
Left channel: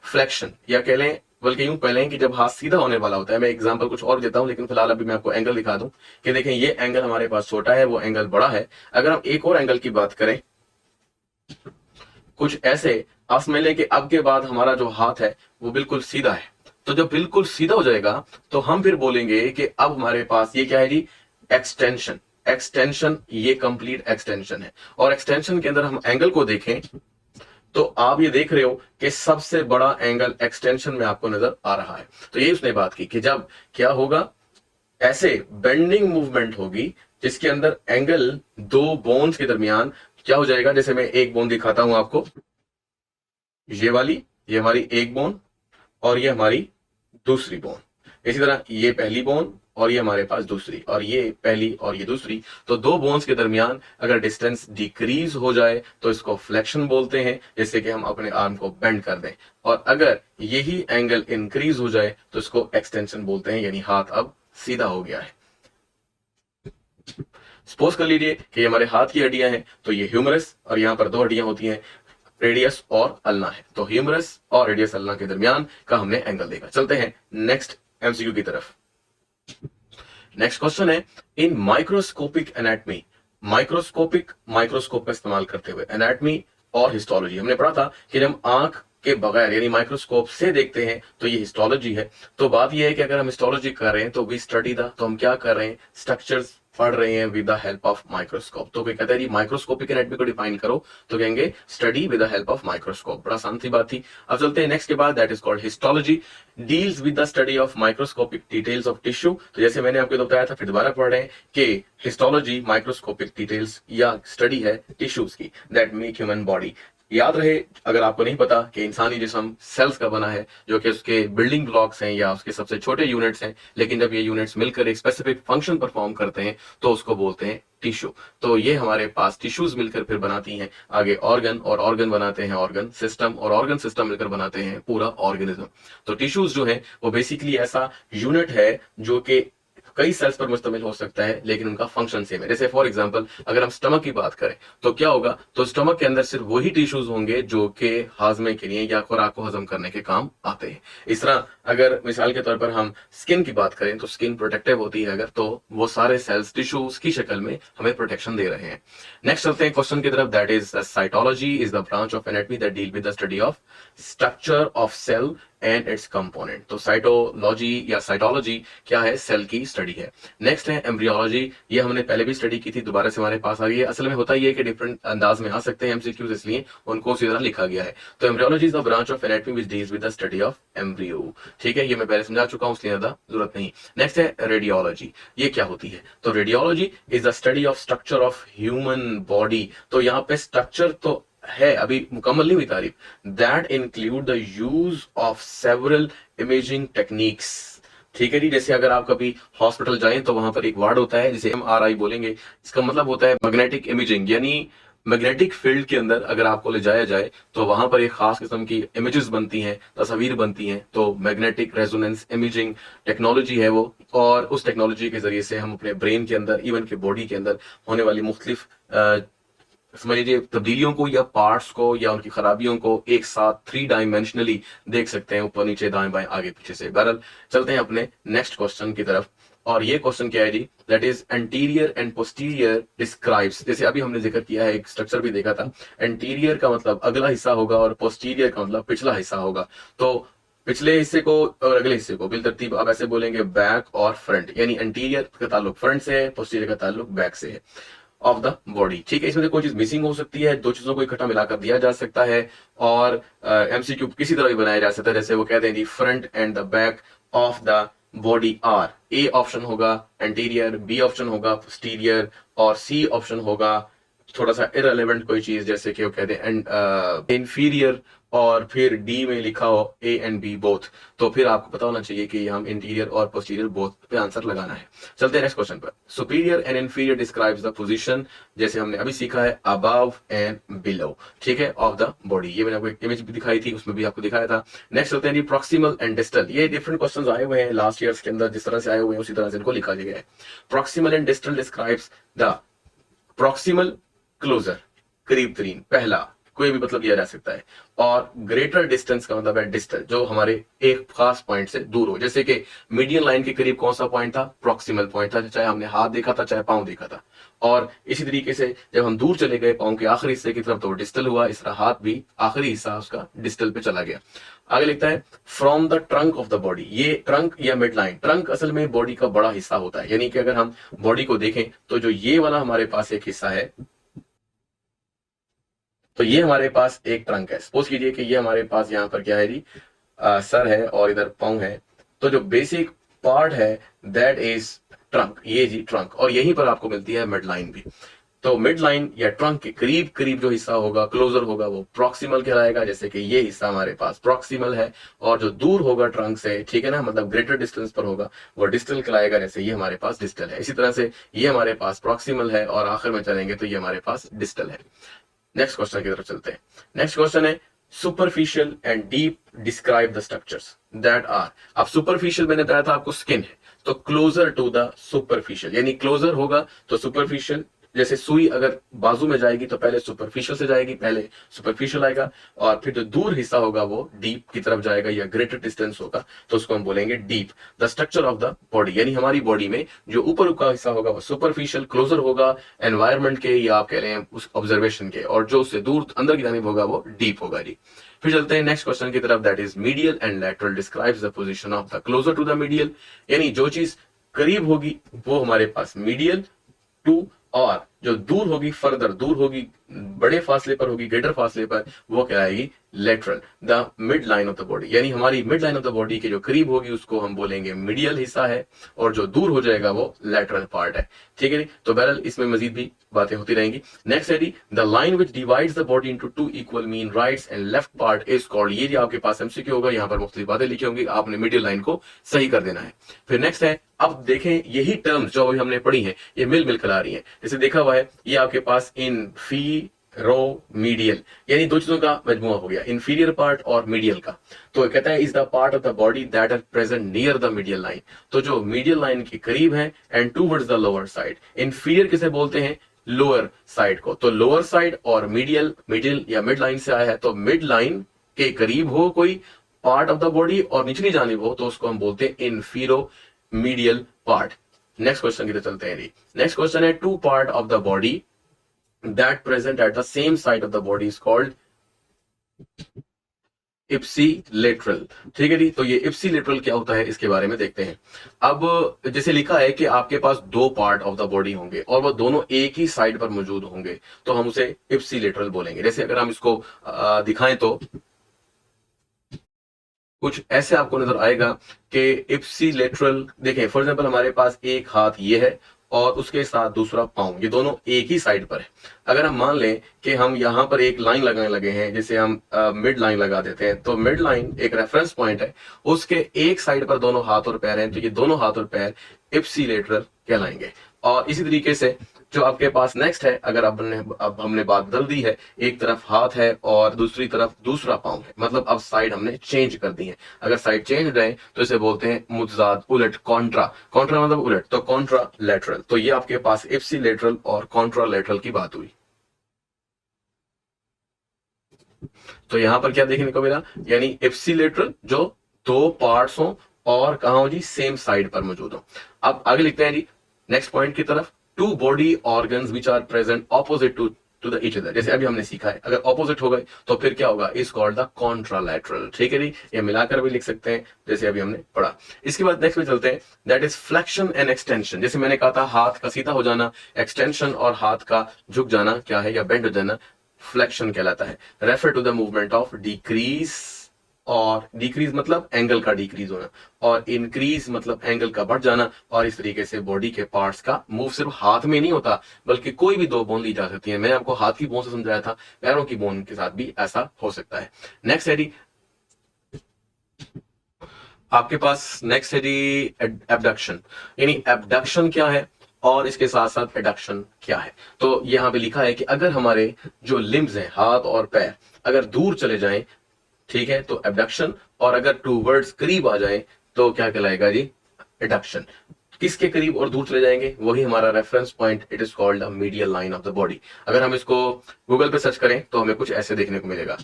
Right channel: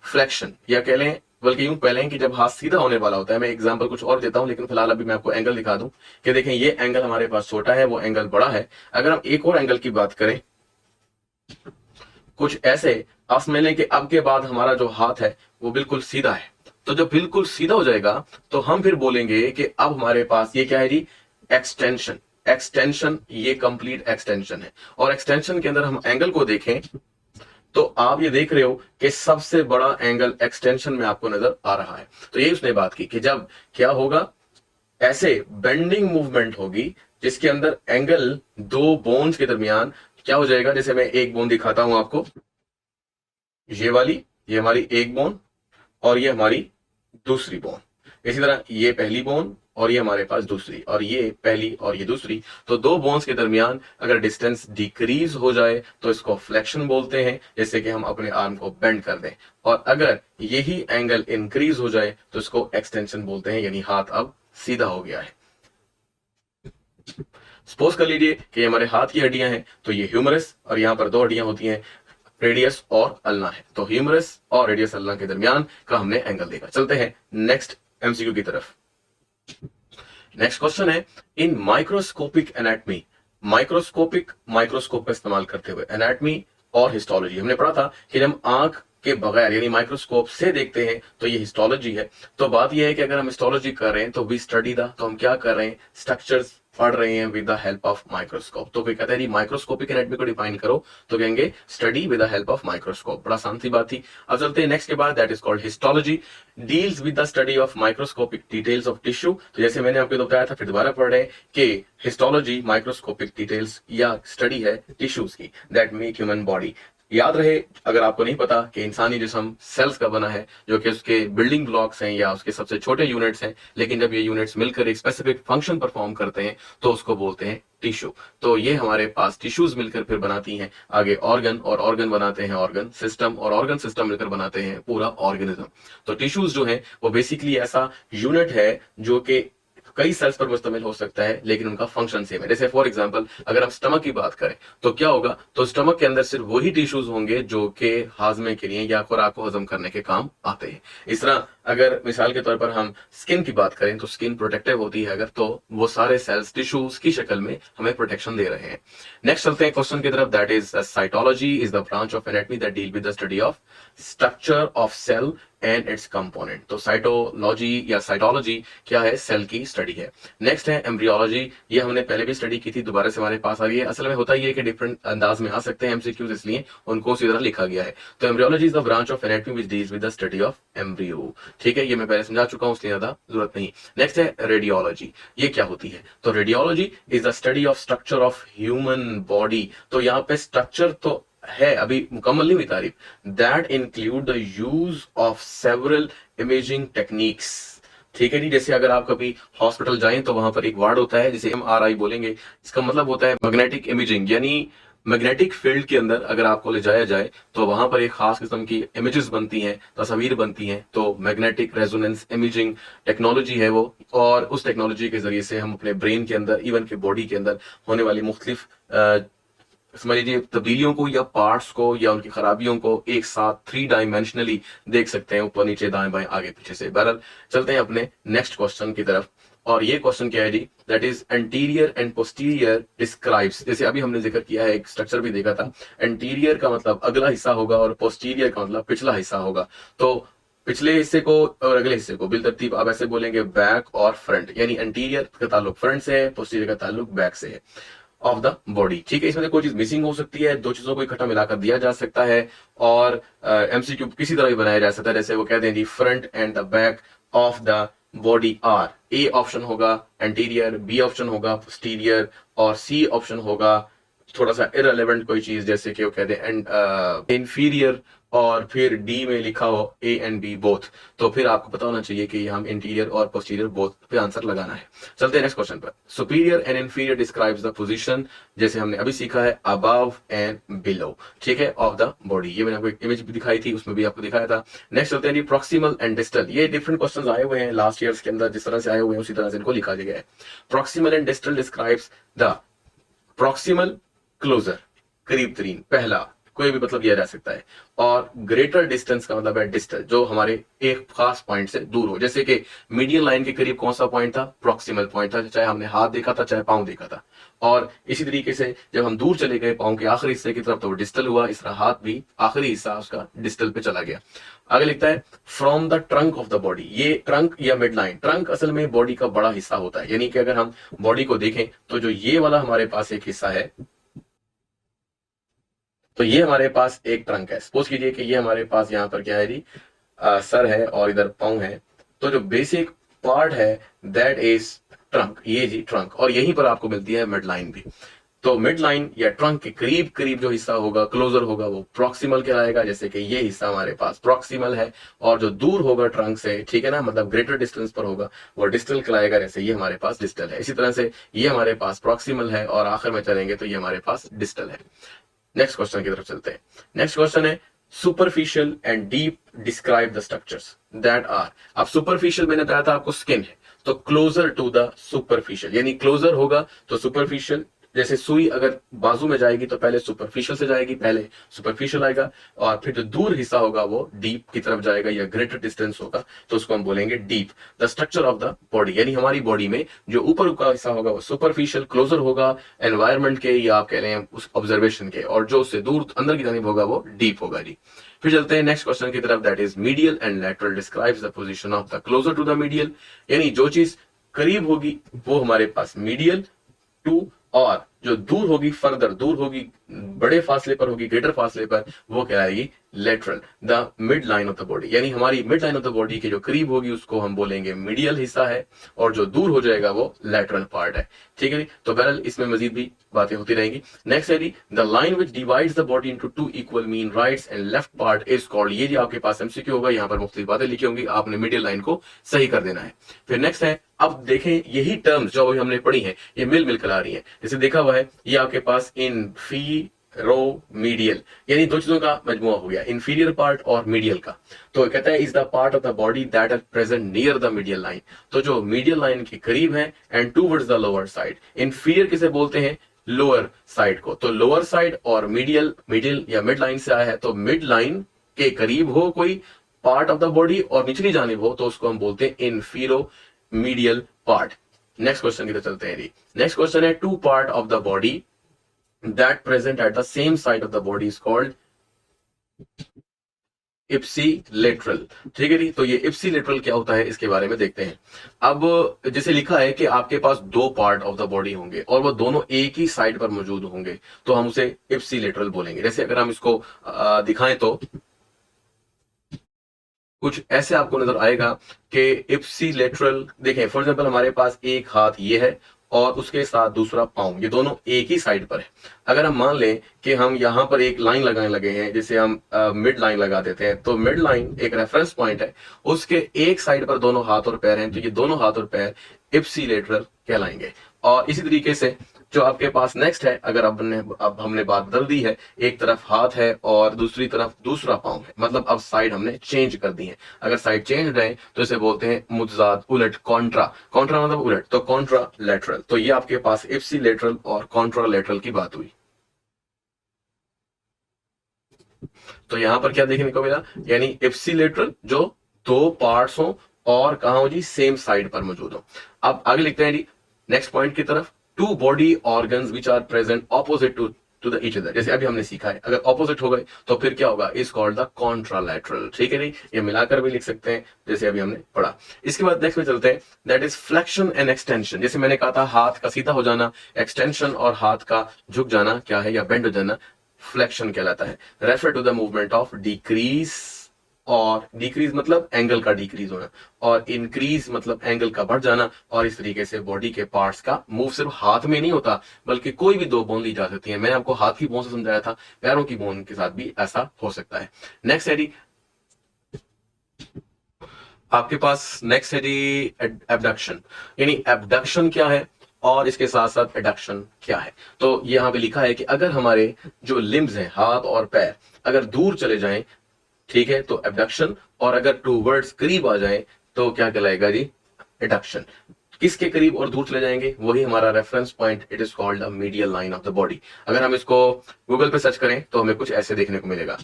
फ्लेक्शन, या कह लें, बल्कि यूं कह लें कि जब हाथ सीधा होने वाला होता है। मैं एग्जांपल कुछ और देता हूं, लेकिन फिलहाल अभी मैं आपको एंगल दिखा दूं कि देखें ये एंगल हमारे पास छोटा है, वो एंगल बड़ा है। अगर हम एक और एंगल की बात करें कुछ ऐसे, आप समझ लें कि अब के बाद हमारा जो हाथ है वो बिल्कुल सीधा है। तो जब बिल्कुल सीधा हो जाएगा तो हम फिर बोलेंगे कि अब हमारे पास ये क्या है जी, एक्सटेंशन। एक्सटेंशन, ये कंप्लीट एक्सटेंशन है। और एक्सटेंशन के अंदर हम एंगल को देखें तो आप ये देख रहे हो कि सबसे बड़ा एंगल एक्सटेंशन में आपको नजर आ रहा है। तो ये उसने बात की कि जब क्या होगा, ऐसे बेंडिंग मूवमेंट होगी जिसके अंदर एंगल दो बोन्स के दरमियान क्या हो जाएगा। जैसे मैं एक बोन दिखाता हूं आपको, ये वाली, ये हमारी एक बोन और ये हमारी दूसरी बोन। इसी तरह ये पहली बोन और ये हमारे पास दूसरी, और ये पहली और ये दूसरी। तो दो बोन्स के दरमियान अगर डिस्टेंस डिक्रीज हो जाए तो इसको फ्लेक्शन बोलते हैं, जैसे कि हम अपने आर्म को बेंड कर दें। और अगर यही एंगल इंक्रीज हो जाए तो इसको एक्सटेंशन बोलते हैं, यानी हाथ अब सीधा हो गया है। सपोज कर लीजिए कि हमारे हाथ की हड्डियां हैं, तो ये ह्यूमरस और यहां पर दो हड्डियां होती हैं, रेडियस और अल्ना है। तो ह्यूमरस और रेडियस अल्ना के दरमियान का हमने एंगल देखा। चलते हैं नेक्स्ट एमसीक्यू की तरफ। नेक्स्ट क्वेश्चन है, इन माइक्रोस्कोपिक एनाटमी, माइक्रोस्कोप का इस्तेमाल करते हुए एनाटमी और हिस्टोलॉजी, हमने पढ़ा था कि जब आंख के बगैर यानी माइक्रोस्कोप से देखते हैं तो ये हिस्टोलॉजी है। तो बात यह है कि अगर हम हिस्टोलॉजी कर रहे हैं तो वी स्टडी द, तो हम क्या कर रहे हैं, स्ट्रक्चर्स पढ़ रहे हैं with the help of microscope. तो कोई कहता है जी माइक्रोस्कोपिक एनाटमी को डिफाइन करो, तो कहेंगे study with the help of microscope. बड़ा आसान सी बात थी। अब चलते हैं नेक्स्ट के बाद, that is called histology, deals with the study of microscopic details of tissue. तो जैसे मैंने आपको बताया था, फिर दोबारा पढ़ रहे हैं कि हिस्टोलॉजी माइक्रोस्कोपिक डिटेल्स या स्टडी है टिश्यूज की दैट मेक ह्यूमन बॉडी। याद रहे, अगर आपको नहीं पता कि इंसानी जिस्म सेल्स का बना है, जो कि उसके बिल्डिंग ब्लॉक्स हैं या उसके सबसे छोटे यूनिट्स हैं, लेकिन जब ये यूनिट्स मिलकर एक स्पेसिफिक फंक्शन परफॉर्म करते हैं तो उसको बोलते हैं टिश्यू। तो ये हमारे पास टिश्यूज मिलकर फिर बनाती हैं आगे ऑर्गन, और ऑर्गन बनाते हैं ऑर्गन सिस्टम, और ऑर्गन सिस्टम मिलकर बनाते हैं पूरा ऑर्गेनिज्म। तो टिश्यूज जो है वो बेसिकली ऐसा यूनिट है जो कि कई सेल्स पर मुश्तमिल हो सकता है, लेकिन उनका फंक्शन सेम है। जैसे फॉर एग्जांपल अगर हम स्टमक की बात करें तो क्या होगा, तो स्टमक के अंदर सिर्फ वही टिश्यूज होंगे जो कि हाजमे के लिए या खुराक को हजम करने के काम आते हैं। इस तरह अगर मिसाल के तौर पर हम स्किन की बात करें तो स्किन प्रोटेक्टिव होती है अगर, तो वो सारे सेल्स टिश्यूज की शक्ल में हमें प्रोटेक्शन दे रहे हैं। नेक्स्ट चलते हैं क्वेश्चन की तरफ, that is cytology is the branch of anatomy that deal with the study of structure of cell and its component. तो साइटोलॉजी या साइटोलॉजी क्या है, सेल की स्टडी है। नेक्स्ट है एम्ब्रियोलॉजी, ये हमने पहले भी स्टडी की थी, दोबारा से हमारे पास आ रही है। असल में होता ही है कि डिफरेंट अंदाज में आ सकते हैं एमसीक्यूज, इसलिए उनको उसी तरह लिखा गया है। तो embryology is the branch of anatomy which deals with the study of embryo. ठीक है, ये मैं पहले समझा चुका हूं, इसलिए ज्यादा जरूरत नहीं। नेक्स्ट है रेडियोलॉजी, ये क्या होती है, तो radiology is the study of structure of human body. तो यहाँ पे स्ट्रक्चर तो है, अभी मुकम्मल नहीं हुई तारीफ, that include the use of several imaging techniques. ठीक है जी, जैसे अगर आप कभी हॉस्पिटल जाएं तो वहां पर एक वर्ड होता है जिसे MRI बोलेंगे, इसका मतलब होता है मैग्नेटिक इमेजिंग, यानी मैग्नेटिक फील्ड के अंदर अगर आपको ले जाया जाए तो वहां पर एक खास किस्म की इमेजेस बनती हैं, तस्वीर बनती हैं। तो मैग्नेटिक रेजोनेंस इमेजिंग टेक्नोलॉजी है वो, और उस टेक्नोलॉजी के जरिए से हम अपने ब्रेन के अंदर, इवन के बॉडी के अंदर होने वाली मुख्तलिफ समझ लीजिए तब्दीलियों को या पार्ट्स को या उनकी खराबियों को एक साथ 3 डायमेंशनली देख सकते हैं, ऊपर नीचे दाएं बाएं आगे पीछे से। बहरहाल चलते हैं अपने नेक्स्ट क्वेश्चन की तरफ, और ये क्वेश्चन क्या है जी, that is anterior and posterior describes. जैसे अभी हमने जिक्र किया है, एक स्ट्रक्चर भी देखा था, एंटीरियर का मतलब अगला हिस्सा होगा और पोस्टीरियर का मतलब पिछला हिस्सा होगा। तो पिछले हिस्से को और अगले हिस्से को बिलतरतीब आप ऐसे बोलेंगे बैक और फ्रंट, यानी एंटीरियर का ताल्लुक फ्रंट से है, पोस्टीरियर का ताल्लुक बैक से है ऑफ द बॉडी। ठीक है, इसमें से कोई चीज मिसिंग हो सकती है, दो चीजों को इकट्ठा मिलाकर दिया जा सकता है, और एमसीक्यू किसी तरह भी बनाया जा सकता है। जैसे वो कहते हैं जी front and the back of the body are, A option होगा एंटीरियर, बी ऑप्शन होगा पोस्टीरियर, और सी ऑप्शन होगा थोड़ा सा इररिलेवेंट कोई चीज, जैसे कि वो कहते हैं इंफीरियर, और फिर डी में लिखा हो ए एंड बी बोथ। तो फिर आपको पता होना चाहिए कि हम इंटीरियर और पोस्टीरियर बोथ पे आंसर लगाना है। चलते हैं नेक्स्ट क्वेश्चन पर। Superior and inferior describes the position, जैसे हमने अभी सीखा है अबव एंड बिलो, ठीक है, ऑफ द बॉडी। ये मैंने आपको एक इमेज भी दिखाई थी, उसमें भी आपको दिखाया था। नेक्स्ट चलते हैं जी प्रॉक्सिमल एंड डिस्टल। ये डिफरेंट क्वेश्चंस आए हुए हैं लास्ट ईयर्स के अंदर, जिस तरह से आए हुए हैं उसी तरह से इनको लिखा गया है। Proximal and distal describes the proximal closer, करीब तरीन, पहला कोई भी मतलब दिया जा सकता है, और ग्रेटर डिस्टेंस का मतलब है डिस्टल, जो हमारे एक खास पॉइंट से दूर हो। जैसे कि मीडियन लाइन के करीब कौन सा पॉइंट था, प्रॉक्सिमल पॉइंट था, चाहे हमने हाथ देखा था चाहे पांव देखा था। और इसी तरीके से जब हम दूर चले गए पांव के आखिरी हिस्से की तरफ तो वो डिस्टल हुआ, इस तरह हाथ भी आखिरी हिस्सा उसका डिस्टल पे चला गया। आगे लिखता है from the trunk of the body, ये ट्रंक या मिड लाइन, ट्रंक असल में बॉडी का बड़ा हिस्सा होता है, यानी कि अगर हम बॉडी को देखें तो जो ये वाला हमारे पास एक हिस्सा है, तो ये हमारे पास एक ट्रंक है। सपोज कीजिए कि ये हमारे पास यहाँ पर क्या है जी, सर है और इधर पाँव है। तो जो बेसिक पार्ट है दैट इज ट्रंक, ये जी ट्रंक, और यहीं पर आपको मिलती है मिड लाइन भी। तो मिड लाइन या ट्रंक के करीब करीब जो हिस्सा होगा, क्लोजर होगा, वो प्रॉक्सिमल कहलाएगा। जैसे कि ये हिस्सा हमारे पास प्रॉक्सिमल है, और जो दूर होगा ट्रंक से, ठीक है ना, मतलब ग्रेटर डिस्टेंस पर होगा, वो डिस्टल कहलाएगा। जैसे ये हमारे पास डिस्टल है, इसी तरह से ये हमारे पास प्रॉक्सिमल है, और आखिर में चलेंगे तो ये हमारे पास डिस्टल है। नेक्स्ट क्वेश्चन की तरफ चलते हैं। नेक्स्ट क्वेश्चन है superficial and deep describe the structures that are. अब सुपरफिशियल मैंने बताया था आपको स्किन है, तो क्लोजर टू द सुपरफिशियल, यानी क्लोजर होगा तो सुपरफिशियल। जैसे सुई अगर बाजू में जाएगी तो पहले सुपरफिशियल से जाएगी, पहले सुपरफिशियल आएगा, और फिर जो दूर हिस्सा होगा वो डीप की तरफ जाएगा या ग्रेटर डिस्टेंस होगा, तो उसको हम बोलेंगे deep. The structure of the body, यानी हमारी बॉडी में जो ऊपर का हिस्सा होगा वो सुपरफिशियल क्लोजर होगा एनवायरमेंट के, या आप कह रहे हैं उस ऑब्जर्वेशन के, और जो उससे दूर अंदर की जानिब होगा वो डीप होगा जी। फिर चलते हैं नेक्स्ट क्वेश्चन की तरफ, that is medial and lateral describes the position of the closer to the medial, यानी जो चीज करीब होगी वो हमारे पास मीडियल टू, और जो दूर होगी, फर्दर दूर होगी, बड़े फासले पर होगी, ग्रेटर फासले पर, वो कहलाएगी lateral. The mid line of the body, यानी हमारी mid line of the body के जो करीब होगी उसको हम बोलेंगे मीडियल हिस्सा है, और जो दूर हो जाएगा वो लेटरल पार्ट है, ठीक है। तो बहरहाल इसमें मजीद भी बातें होती रहेंगी। नेक्स्ट है जी, the line which divides the body into two equal mean rights and left part is called. ये जी आपके पास एमसीक्यू होगा, यहाँ पर मुख्तलिफ बातें लिखी होंगी, आपने मिडिल लाइन को सही कर देना है। फिर नेक्स्ट है, अब देखें यही टर्म्स जो अभी हमने पढ़ी है ये मिल कर आ रही है। जैसे देखा हुआ है ये आपके पास इंफीरोमीडियल, यानी दो चीजों का मजमुआ हो गया, इंफीरियर पार्ट और मीडियल का। तो कहता है is the part of the body that are present near the medial line, तो जो मीडियल लाइन के करीब है, and towards the lower side. Inferior किसे बोलते हैं, लोअर साइड को। तो लोअर साइड और मीडियल, मिडिल या मिड लाइन से आया है, तो मिड लाइन के करीब हो कोई पार्ट ऑफ द बॉडी और निचली जानिब हो तो उसको हम बोलते हैं infero medial part. Next question की तरफ चलते हैं जी। नेक्स्ट क्वेश्चन है, to part of the body that present at the same side of the body is called ipsilateral, ठीक है जी। तो ये इप्सिलेटरल क्या होता है इसके बारे में देखते हैं। अब जैसे लिखा है कि आपके पास दो पार्ट ऑफ द बॉडी होंगे और वो दोनों एक ही साइड पर मौजूद होंगे, तो हम उसे इप्सिलेटरल बोलेंगे। जैसे अगर हम इसको दिखाएं तो कुछ ऐसे आपको नजर आएगा कि इप्सिलेटरल, देखें फॉर एग्जांपल हमारे पास एक हाथ ये है और उसके साथ दूसरा पाँव, ये दोनों एक ही साइड पर है। अगर हम मान लें कि हम यहाँ पर एक लाइन लगाने लगे हैं, जिसे हम मिड लाइन लगा देते हैं, तो मिड लाइन एक रेफरेंस पॉइंट है, उसके एक साइड पर दोनों हाथ और पैर हैं, तो ये दोनों हाथ और पैर इप्सिलेटरल कहलाएंगे। और इसी तरीके से जो आपके पास नेक्स्ट है, अगर अब हमने बात बदल दी है, एक तरफ हाथ है और दूसरी तरफ दूसरा पाँव है, मतलब अब साइड हमने चेंज कर दी है। अगर साइड चेंज रहे तो इसे बोलते हैं मुतजाद, उलट, कॉन्ट्रा। कॉन्ट्रा मतलब उलट, तो कॉन्ट्रा लेटरल। तो ये आपके पास इप्सिलेटरल और कॉन्ट्रा लेटरल की बात हुई। तो यहां पर क्या देखने को मिला, यानी इप्सिलेटरल जो दो पार्ट्स हो और कहा हो जी सेम साइड पर मौजूद हो। अब आगे लिखते हैं जी नेक्स्ट पॉइंट की तरफ, to body organs which are present opposite to the each other. जैसे अभी हमने सीखा है, अगर ऑपोजिट हो गए तो फिर क्या होगा, इज कॉल्ड द कॉन्ट्रालैटरल, ठीक है जी। ये मिलाकर भी लिख सकते हैं जैसे अभी हमने पढ़ा। इसके बाद नेक्स्ट में चलते हैं, that is flexion and extension. जैसे मैंने कहा था हाथ का सीधा हो जाना, एक्सटेंशन और हाथ का झुक जाना क्या है, या बेंड हो जाना, फ्लेक्शन कहलाता है। Refer to the movement of decrease, और डिक्रीज मतलब एंगल का डिक्रीज होना, और इंक्रीज मतलब एंगल का बढ़ जाना। और इस तरीके से बॉडी के पार्ट्स का मूव सिर्फ हाथ में नहीं होता, बल्कि कोई भी दो बोन ली जा सकती है। मैंने आपको हाथ की बोन से समझाया था, पैरों की बोन के साथ भी ऐसा हो सकता है। नेक्स्ट है जी आपके पास, नेक्स्ट है जी एबडक्शन, यानी एबडक्शन क्या है और इसके साथ साथ एडक्शन क्या है। तो यहाँ पे लिखा है कि अगर हमारे जो लिम्स हैं, हाथ और पैर, अगर दूर चले जाएं, ठीक है, तो एबडक्शन, और अगर टू वर्ड्स करीब आ जाए तो क्या कहलाएगा जी, एडक्शन। किसके करीब और दूर चले जाएंगे, वही हमारा reference point, it is called the medial line of the body. अगर हम इसको गूगल पे सर्च करें तो हमें कुछ ऐसे देखने को मिलेगा।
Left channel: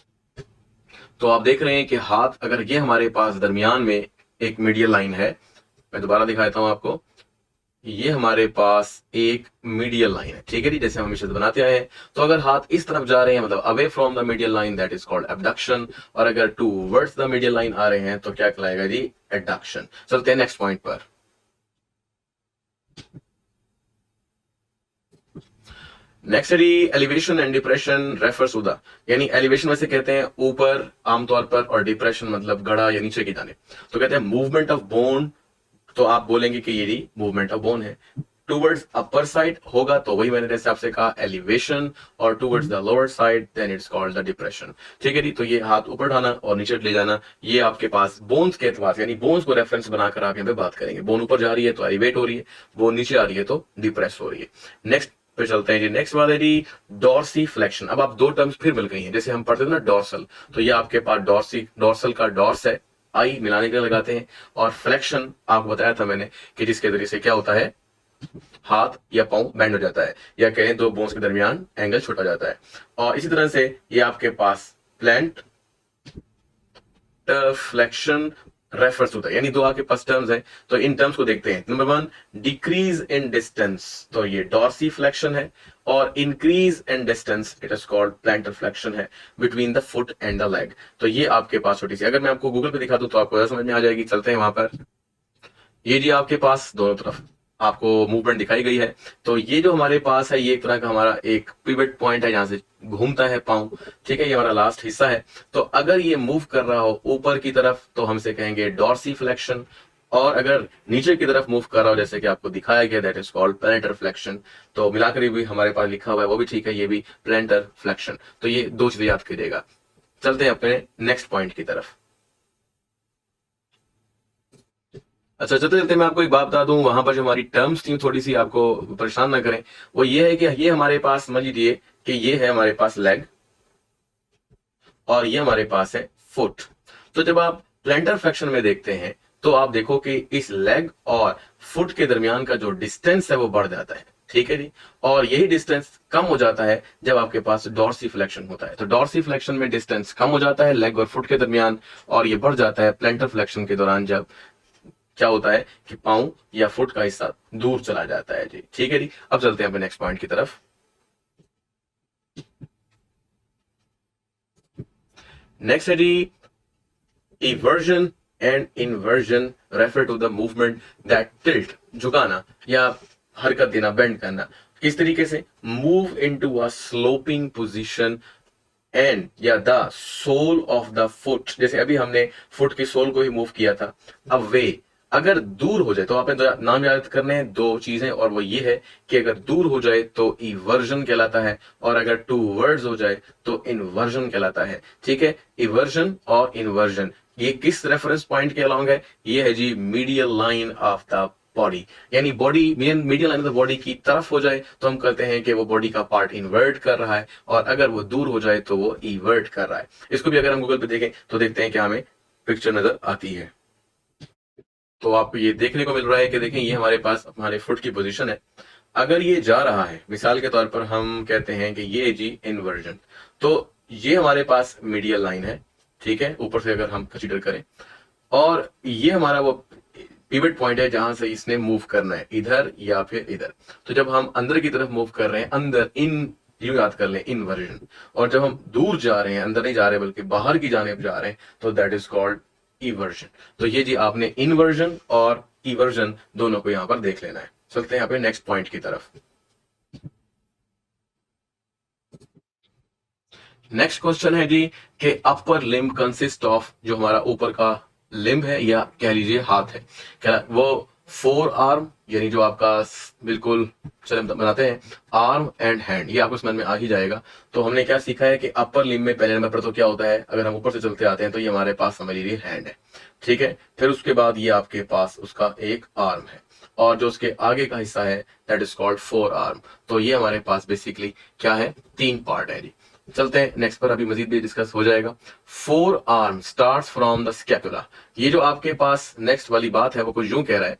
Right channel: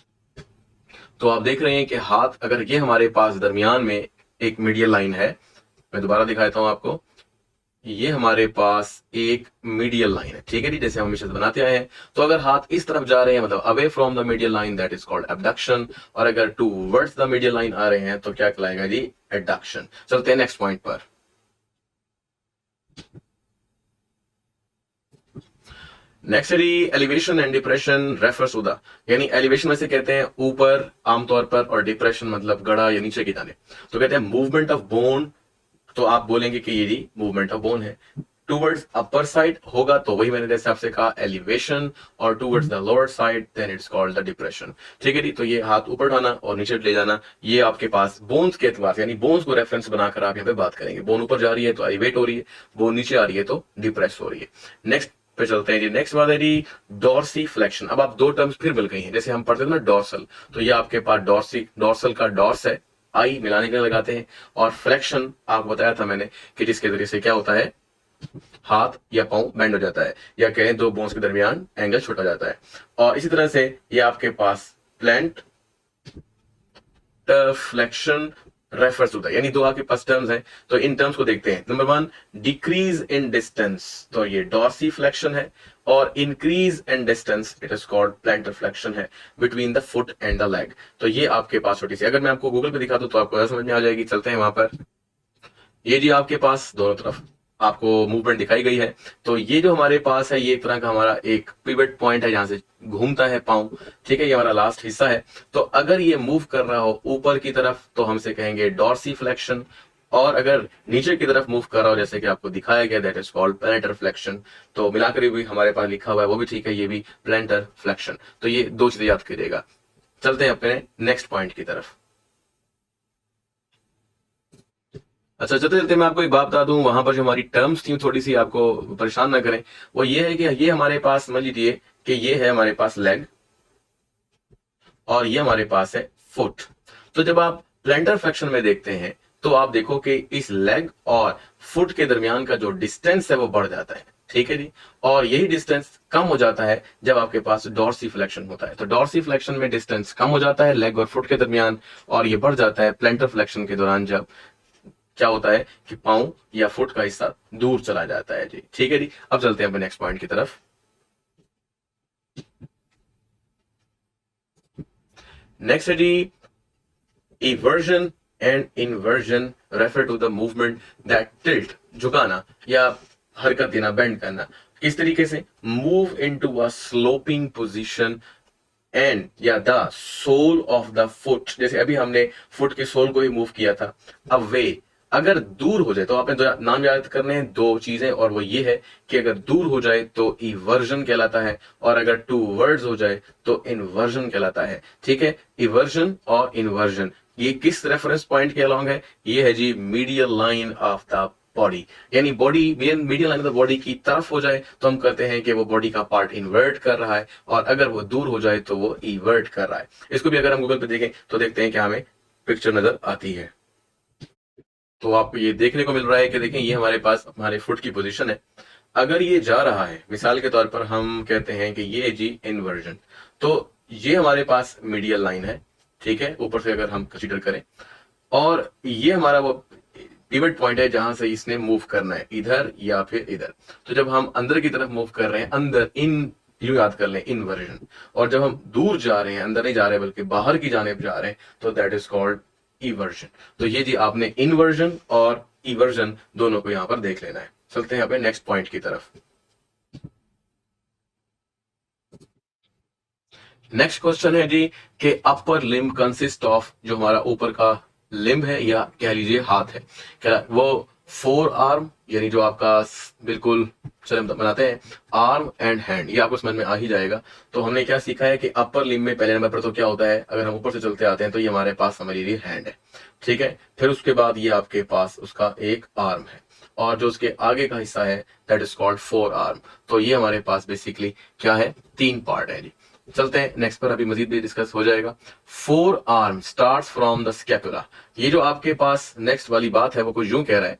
तो आप देख रहे हैं कि हाथ, अगर ये हमारे पास दरमियान में एक मीडियल लाइन है, मैं दोबारा दिखाता हूं आपको, ये हमारे पास एक मीडियल लाइन है, ठीक है जी, जैसे हम हमेशा बनाते आए हैं। तो अगर हाथ इस तरफ जा रहे हैं, मतलब away from the medial line, that is called abduction, और अगर टूवर्ड्स द मीडियल लाइन आ रहे हैं तो क्या कहलाएगा जी, एडक्शन। चलते हैं नेक्स्ट पॉइंट पर। नेक्स्ट है elevation and depression refers to the, यानी एलिवेशन वैसे कहते हैं ऊपर आमतौर पर, और डिप्रेशन मतलब गड़ा या नीचे की जाने। तो कहते हैं मूवमेंट ऑफ बोन, तो आप बोलेंगे कि ये मूवमेंट ऑफ बोन है। टूवर्ड्स अपर साइड होगा तो वही मैंने जैसे आपसे कहा एलिवेशन, और towards the lower side then it's called the depression. ठीक है जी, तो ये हाथ ऊपर उठाना और नीचे ले जाना, ये आपके पास बोन्स के एतबार से, यानी बोन्स को रेफरेंस बनाकर आप यहाँ पे बात करेंगे। बोन ऊपर जा रही है तो एलिवेट हो रही है, बोन नीचे आ रही है तो डिप्रेस हो रही है। नेक्स्ट पे चलते हैं जी। नेक्स्ट बात है जी डॉर्सीफ्लेक्शन। अब आप दो टर्म्स फिर मिल गई हैं, जैसे हम पढ़ते थे ना डॉर्सल, तो ये आपके पास डॉर्सल का डॉर्स है, आई मिलाने के लिए लगाते हैं, और फ्लेक्शन आपको बताया था मैंने कि जिसके जरिए से क्या होता है, हाथ या पांव बेंड हो जाता है, या कहें दो बोन्स के दरमियान एंगल छोटा जाता है। और इसी तरह से ये आपके पास प्लांट फ्लेक्शन रेफर्स होता है, यानी दो आपके पास टर्म्स हैं, तो इन टर्म्स को देखते हैं। नंबर 1 डिक्रीज इन डिस्टेंस, तो ये डॉर्सीफ्लेक्शन है, और increase in distance it is called plantar flexion है, between the foot and the leg. तो ये आपके पास छोटी सी, अगर मैं आपको गूगल पे दिखा दूं तो आपको समझ में आ जाएगी। चलते हैं वहां पर। ये जी आपके पास दोनों तरफ आपको मूवमेंट दिखाई गई है। तो ये जो हमारे पास है, ये एक तरह का हमारा एक पिवट पॉइंट है, जहां से घूमता है पांव। ठीक है, ये हमारा लास्ट हिस्सा है। तो अगर ये मूव कर रहा हो ऊपर की तरफ तो हमसे कहेंगे डॉर्सीफ्लेक्शन, और अगर नीचे की तरफ मूव कर रहा हो जैसे कि आपको दिखाया गया, दैट इज कॉल्ड प्लैनेटर फ्लेक्शन। तो मिलाकर भी हमारे पास लिखा हुआ है वो भी ठीक है, ये भी प्लैनेटर फ्लेक्शन। तो ये दो चीजें याद कीजिएगा। चलते हैं अपने नेक्स्ट पॉइंट की तरफ। अच्छा, चलते चलते मैं आपको एक बात बता दूं, वहां पर जो हमारी टर्म्स थी थोड़ी सी आपको परेशान ना करें। वो ये है कि ये हमारे पास समझ लीजिए कि ये है हमारे पास लेग, और ये हमारे पास है फुट। तो जब आप प्लैंटर फ्लेक्शन में देखते हैं तो आप देखो कि इस लेग और फुट के दरमियान का जो डिस्टेंस है वो बढ़ जाता है। ठीक है जी, और यही डिस्टेंस कम हो जाता है जब आपके पास डॉर्सीफ्लेक्शन होता है। तो डॉर्सीफ्लेक्शन में डिस्टेंस कम हो जाता है लेग और फुट के दरमियान, और ये बढ़ जाता है प्लैंटर फ्लेक्शन के दौरान, जब क्या होता है कि पांव या फुट का हिस्सा दूर चला जाता है जी। ठीक है जी, अब चलते हैं अपने नेक्स्ट पॉइंट की तरफ। नेक्स्ट है जी eversion and inversion refer to the movement that tilt, झुकाना या हरकत देना, बेंड करना। किस तरीके से? Move into a sloping position and या the sole of the foot, जैसे अभी हमने फुट के सोल को ही मूव किया था। अब वे अगर दूर हो जाए, तो आपने नाम याद करने हैं दो चीजें, और वो ये है कि अगर दूर हो जाए तो इवर्जन कहलाता है, और अगर टू वर्ड्स हो जाए तो इन्वर्जन कहलाता है। ठीक है, इवर्जन और इन्वर्जन ये किस रेफरेंस पॉइंट के अलॉन्ग है? ये है जी medial line of the body, यानी body medial line of the body की तरफ हो जाए तो हम कहते हैं कि वो बॉडी का पार्ट इन्वर्ट कर रहा है, और अगर वो दूर हो जाए तो वो इवर्ट कर रहा है। इसको भी अगर हम गूगल पे देखें तो देखते हैं कि हमें पिक्चर नजर आती है। तो आपको ये देखने को मिल रहा है कि देखें ये हमारे पास हमारे फुट की पोजीशन है। अगर ये जा रहा है, मिसाल के तौर पर हम कहते हैं कि ये जी इन्वर्जन, तो ये हमारे पास मीडियल लाइन है। ठीक है, ऊपर से अगर हम कंसीडर करें, और ये हमारा वो पिवट पॉइंट है जहां से इसने मूव करना है, इधर या फिर इधर। तो जब हम अंदर की तरफ मूव कर रहे हैं, अंदर इन यू याद कर लें इन्वर्जन, और जब हम दूर जा रहे हैं, अंदर नहीं जा रहे बल्कि बाहर की जाने जा रहे हैं, तो दैट इज कॉल्ड इवर्जन। तो ये जी आपने इन्वर्जन और इवर्जन दोनों को यहां पर देख लेना है। चलते हैं यहाँ पे नेक्स्ट पॉइंट की तरफ। नेक्स्ट क्वेश्चन है जी कि अपर लिम्ब कंसिस्ट ऑफ, जो हमारा ऊपर का लिम्ब है या कह लीजिए हाथ है, क्या वो फोर आर्म, यानी जो आपका बिल्कुल चले हम बनाते हैं आर्म एंड हैंड, ये आपको समझ में आ ही जाएगा। तो हमने क्या सीखा है कि अपर लिम्ब में पहले नंबर पर तो क्या होता है, अगर हम ऊपर से चलते आते हैं तो ये हमारे पास समझ लीजिए हैंड है। ठीक है, फिर उसके बाद ये आपके पास उसका एक आर्म है, और जो उसके आगे का हिस्सा है that is called four arm. तो ये हमारे पास बेसिकली क्या है, तीन पार्ट है जी। चलते हैं नेक्स्ट पर, अभी मजीद भी डिस्कस हो जाएगा। Four arm starts from the scapula. ये जो आपके पास नेक्स्ट वाली बात है वो कुछ यूं कह रहा है,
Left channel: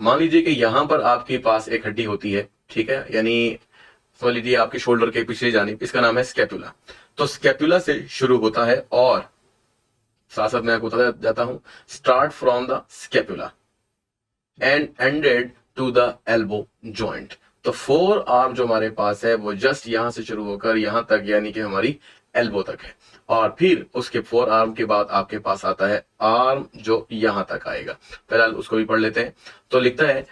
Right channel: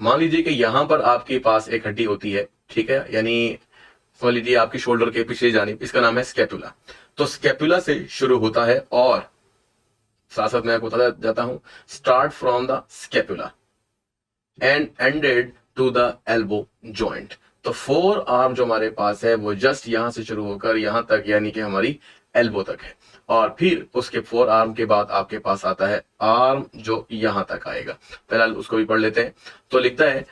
मान लीजिए कि यहां पर आपके पास एक हड्डी होती है। ठीक है, यानी समझ लीजिए आपकी शोल्डर के पिछले जानिब, इसका नाम है स्कैपुला। तो स्कैपुला से शुरू होता है, और साथ साथ मैं आपको बताता जाता हूं, start from the scapula and ended to the elbow joint. तो फोर आर्म जो हमारे पास है वो जस्ट यहां से शुरू होकर यहां तक, यानी कि हमारी एल्बो तक है, और फिर उसके फोर आर्म के बाद आपके पास आता है आर्म जो यहां तक आएगा। फिलहाल उसको भी पढ़ लेते हैं। तो लिखता है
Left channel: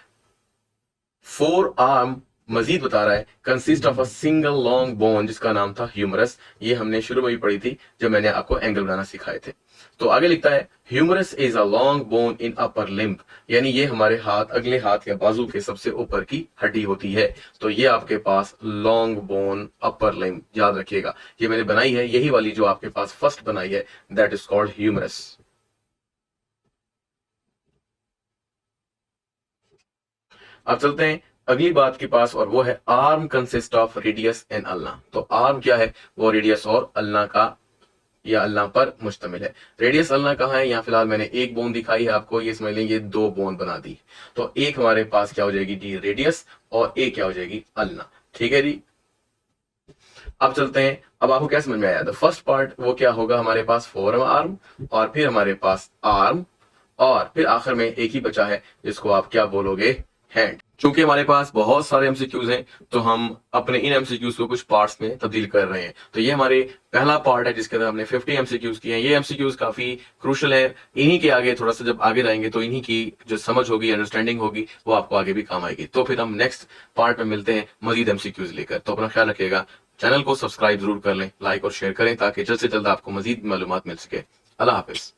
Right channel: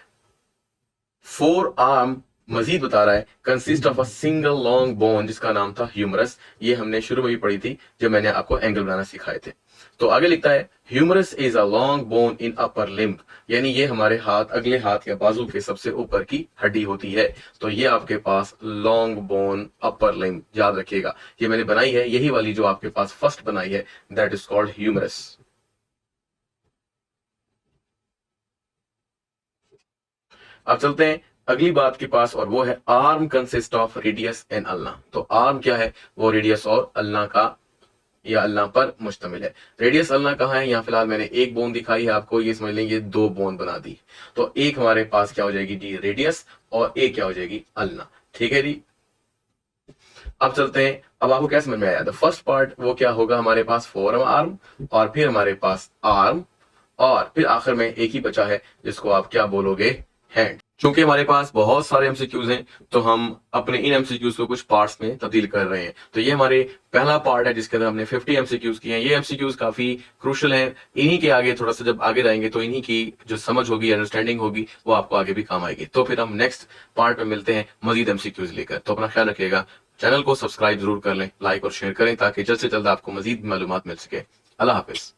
फोर आर्म मजीद बता रहा है consist of a single long bone जिसका नाम था ह्यूमरस। ये हमने शुरू में भी पढ़ी थी जब मैंने आपको एंगल बनाना सिखाए थे। तो आगे लिखता है humerus is a long bone in upper limb, यानी ये हमारे हाथ, अगले हाथ या बाजू के सबसे ऊपर की हड्डी होती है। तो ये आपके पास लॉन्ग बोन अपर लिम्ब, याद रखिएगा ये मैंने बनाई है, यही वाली जो आपके पास फर्स्ट बनाई है, दैट इज कॉल्ड ह्यूमरस। अब चलते हैं अगली बात के पास, और वो है arm consist of radius and ulna. तो आर्म क्या है, वो रेडियस और अल्ना का या अल्ना पर मुश्तमिल है। रेडियस अल्ना कहाँ है, यहाँ फिलहाल मैंने एक बोन दिखाई है आपको, ये समझ लेंगे दो बोन बना दी। तो एक हमारे पास क्या हो जाएगी डी रेडियस, और एक क्या हो जाएगी अल्ना। ठीक है जी। अब चलते हैं, अब आपको क्या समझ में आया। द फर्स्ट पार्ट वो क्या होगा, हमारे पास फोर आर्म, और फिर हमारे पास आर्म, और फिर आखिर में एक ही बचा है जिसको आप क्या बोलोगे, हैंड। चूंकि हमारे पास बहुत सारे एमसीक्यूज हैं तो हम अपने इन एमसीक्यूज को कुछ पार्ट्स में तब्दील कर रहे हैं। तो ये हमारे पहला पार्ट है जिसके अंदर हमने 50 एमसीक्यूज किए हैं। ये एमसीक्यूज काफी क्रूशल है, इन्हीं के आगे थोड़ा सा जब आगे जाएंगे तो इन्हीं की जो समझ होगी, अंडरस्टैंडिंग होगी, वो आपको आगे भी काम आएगी। तो फिर हम नेक्स्ट पार्ट में मिलते हैं मजीद एमसीक्यूज लेकर। तो अपना ख्याल रखिएगा, चैनल को सब्सक्राइब जरूर कर लें, लाइक और शेयर करें ताकि जल्द से जल्द आपको मजीद मालूमात मिल सके। अल्लाह हाफिज।